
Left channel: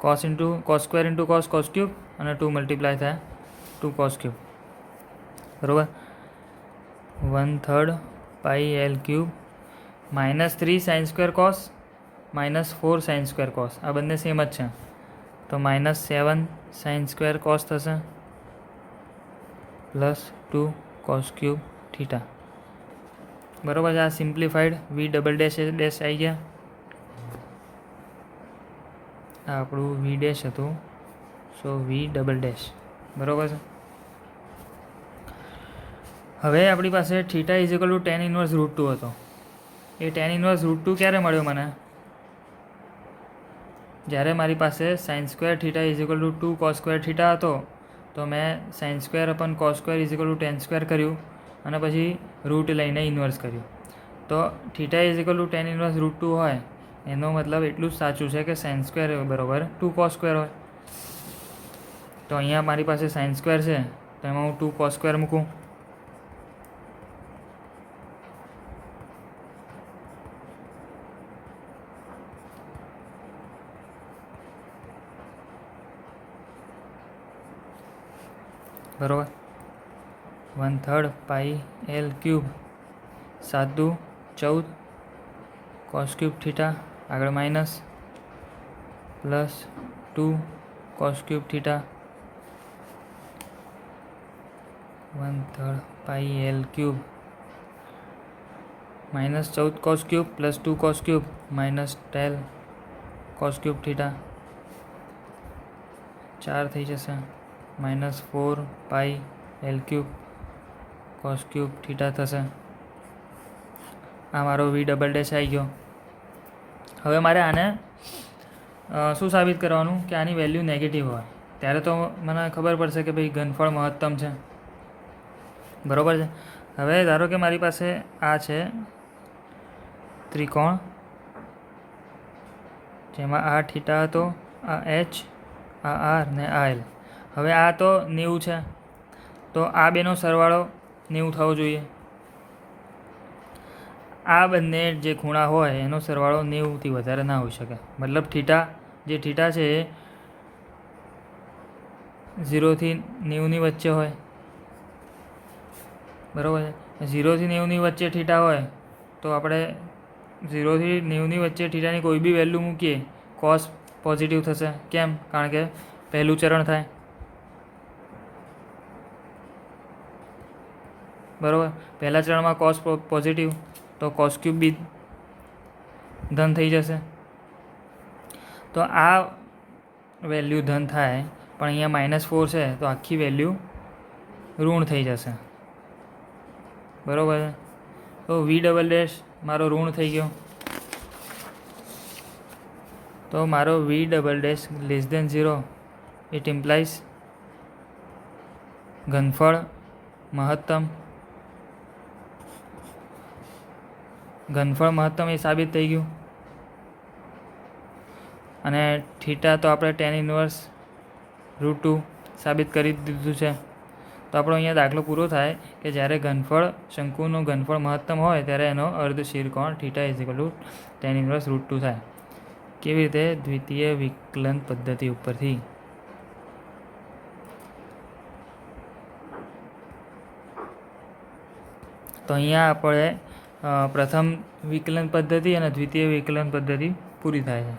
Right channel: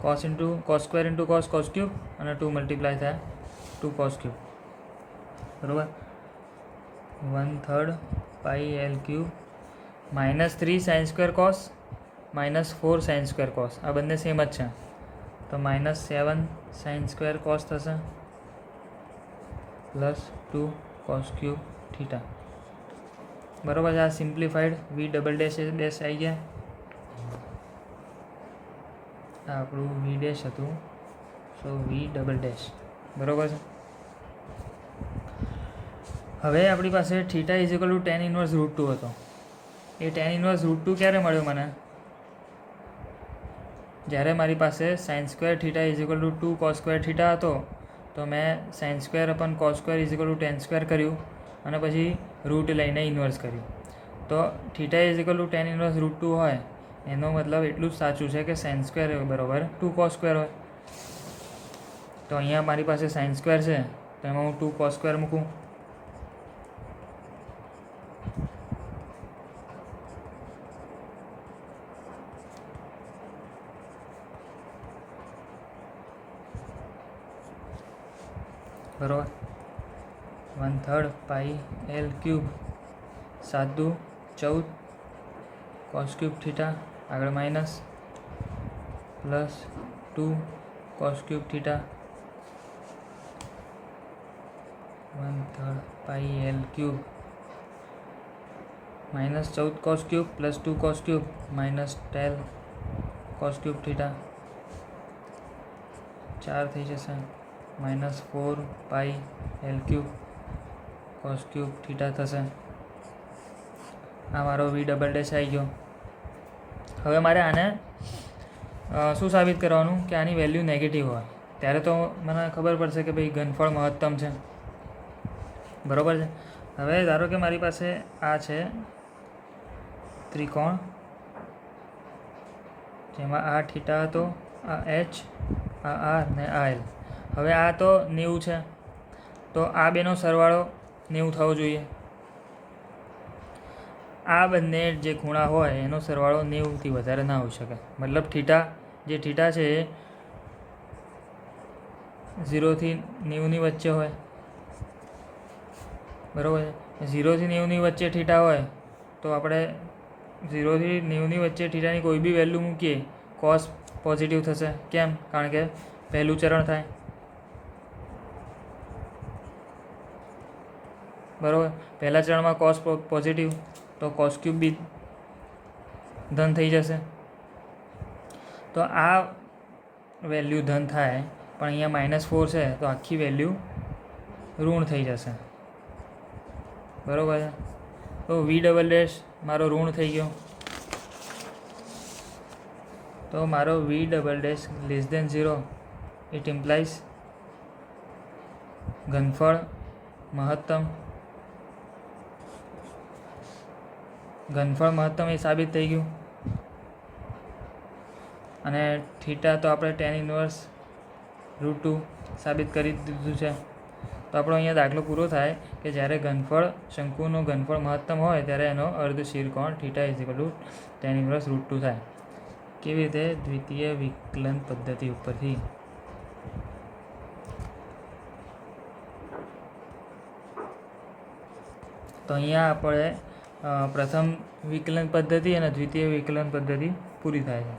cos square into cos cube અને 2 મલ્ટીપ્લાય થાય 2 કોસ ક્યુબ. બરાબર. 1/3 pi L cube -3 sine square cos -4 sine square cos, આ બંને સેમ જ છે, તો -7 સાઇન સ્ક્વેર કોસ થશે પ્લસ 2 કોસ ક્યુબ થીટા. બરાબર છે. આ સિમ્પ્લિફાઈડ વી ડબલ ડેશ આવી ગયા. આ આપણું વી ડેશ હતું, સો વી ડબલ ડેશ. બરાબર છે. હવે આપણી પાસે theta is equal to tan inverse root 2 હતો. એ ટેન ઇન્વર્સ રૂટ 2 ક્યારે મળ્યો મને? જ્યારે મારી પાસે sine square theta is equal to 2 cos square theta હતો, તો મેં sine square upon cos square is equal to tan square કર્યું અને પછી રૂટ લઈને ઇન્વર્સ કર્યું. તો theta is equal to tan inverse root 2 હોય એનો મતલબ એટલું જ સાચું છે કે સાઇન સ્ક્વેર બરાબર 2 કોસ સ્ક્વેર હોય. તો અહીંયા મારી પાસે સાઇન સ્ક્વેર છે, તો એમાં હું 2 કોસ સ્ક્વેર મૂકું. બરાબર. 1/3 pi L cube 7 × 14 cos cube theta, આગળ minus plus 2 cos cube theta. 1/3 pi L cube -14 cos cube plus 2 cos cube -12 cos cube theta, 4 થઈ જશે, -4 pi L cube cos cube theta થશે. આ મારો વી ડબલ ડેશ આવી ગયો. હવે મારે આને શું સાબિત કરવાનું કે આની વેલ્યુ નેગેટિવ હોય ત્યારે તો મને ખબર પડશે કે ભાઈ ઘનફળ મહત્તમ છે. બરાબર છે. હવે ધારો કે મારી પાસે આ છે ત્રિકોણ જેમાં આ થીટા હતો, આ એચ, આ આર ને આ એલ. હવે આ તો 90 છે, તો આ બેનો સરવાળો 90 થવો જોઈએ. આ બંને જે ખૂણા હોય એનો સરવાળો 90થી વધારે ના હોઈ શકે. મતલબ થીટા છે એ 0 થી 90ની વચ્ચે હોય, બરાબર છે. 0 થી 90ની વચ્ચે થીટા હોય તો આપણે 0 થી 90ની વચ્ચે થીટાની કોઈ બી વેલ્યુ મૂકીએ, કોસ પોઝિટિવ થશે. કેમ? કારણ કે પહેલું ચરણ થાય, બરાબર. પહેલા ચરણમાં કોસ પોઝિટિવ, તો કોસ ક્યુબ બી ધન થઈ જશે. તો આ વેલ્યુ ધન થાય, પણ અહીંયા -4 છે તો આખી વેલ્યુ ઋણ થઈ જશે, બરાબર છે. તો V" મારો ઋણ થઈ ગયો. તો મારો V"<0, ઇટ ઇમ્પ્લાઇઝ ઘનફળ મહત્તમ એ સાબિત થઈ ગયું. અને થીટા તો આપણે tan−1√2 સાબિત કરી દીધું છે. તો આપણો અહીંયા દાખલો પૂરો થાય કે જ્યારે શંકુનું ઘનફળ મહત્તમ હોય ત્યારે એનો અર્ધશીરકોણ θ tan−1√2 થાય. કેવી રીતે? દ્વિતીય વિકલન પદ્ધતિ ઉપરથી. તો અહીંયા આપણે પ્રથમ વિકલન પદ્ધતિ અને દ્વિતીય વિકલન પદ્ધતિ પૂરી થાય છે.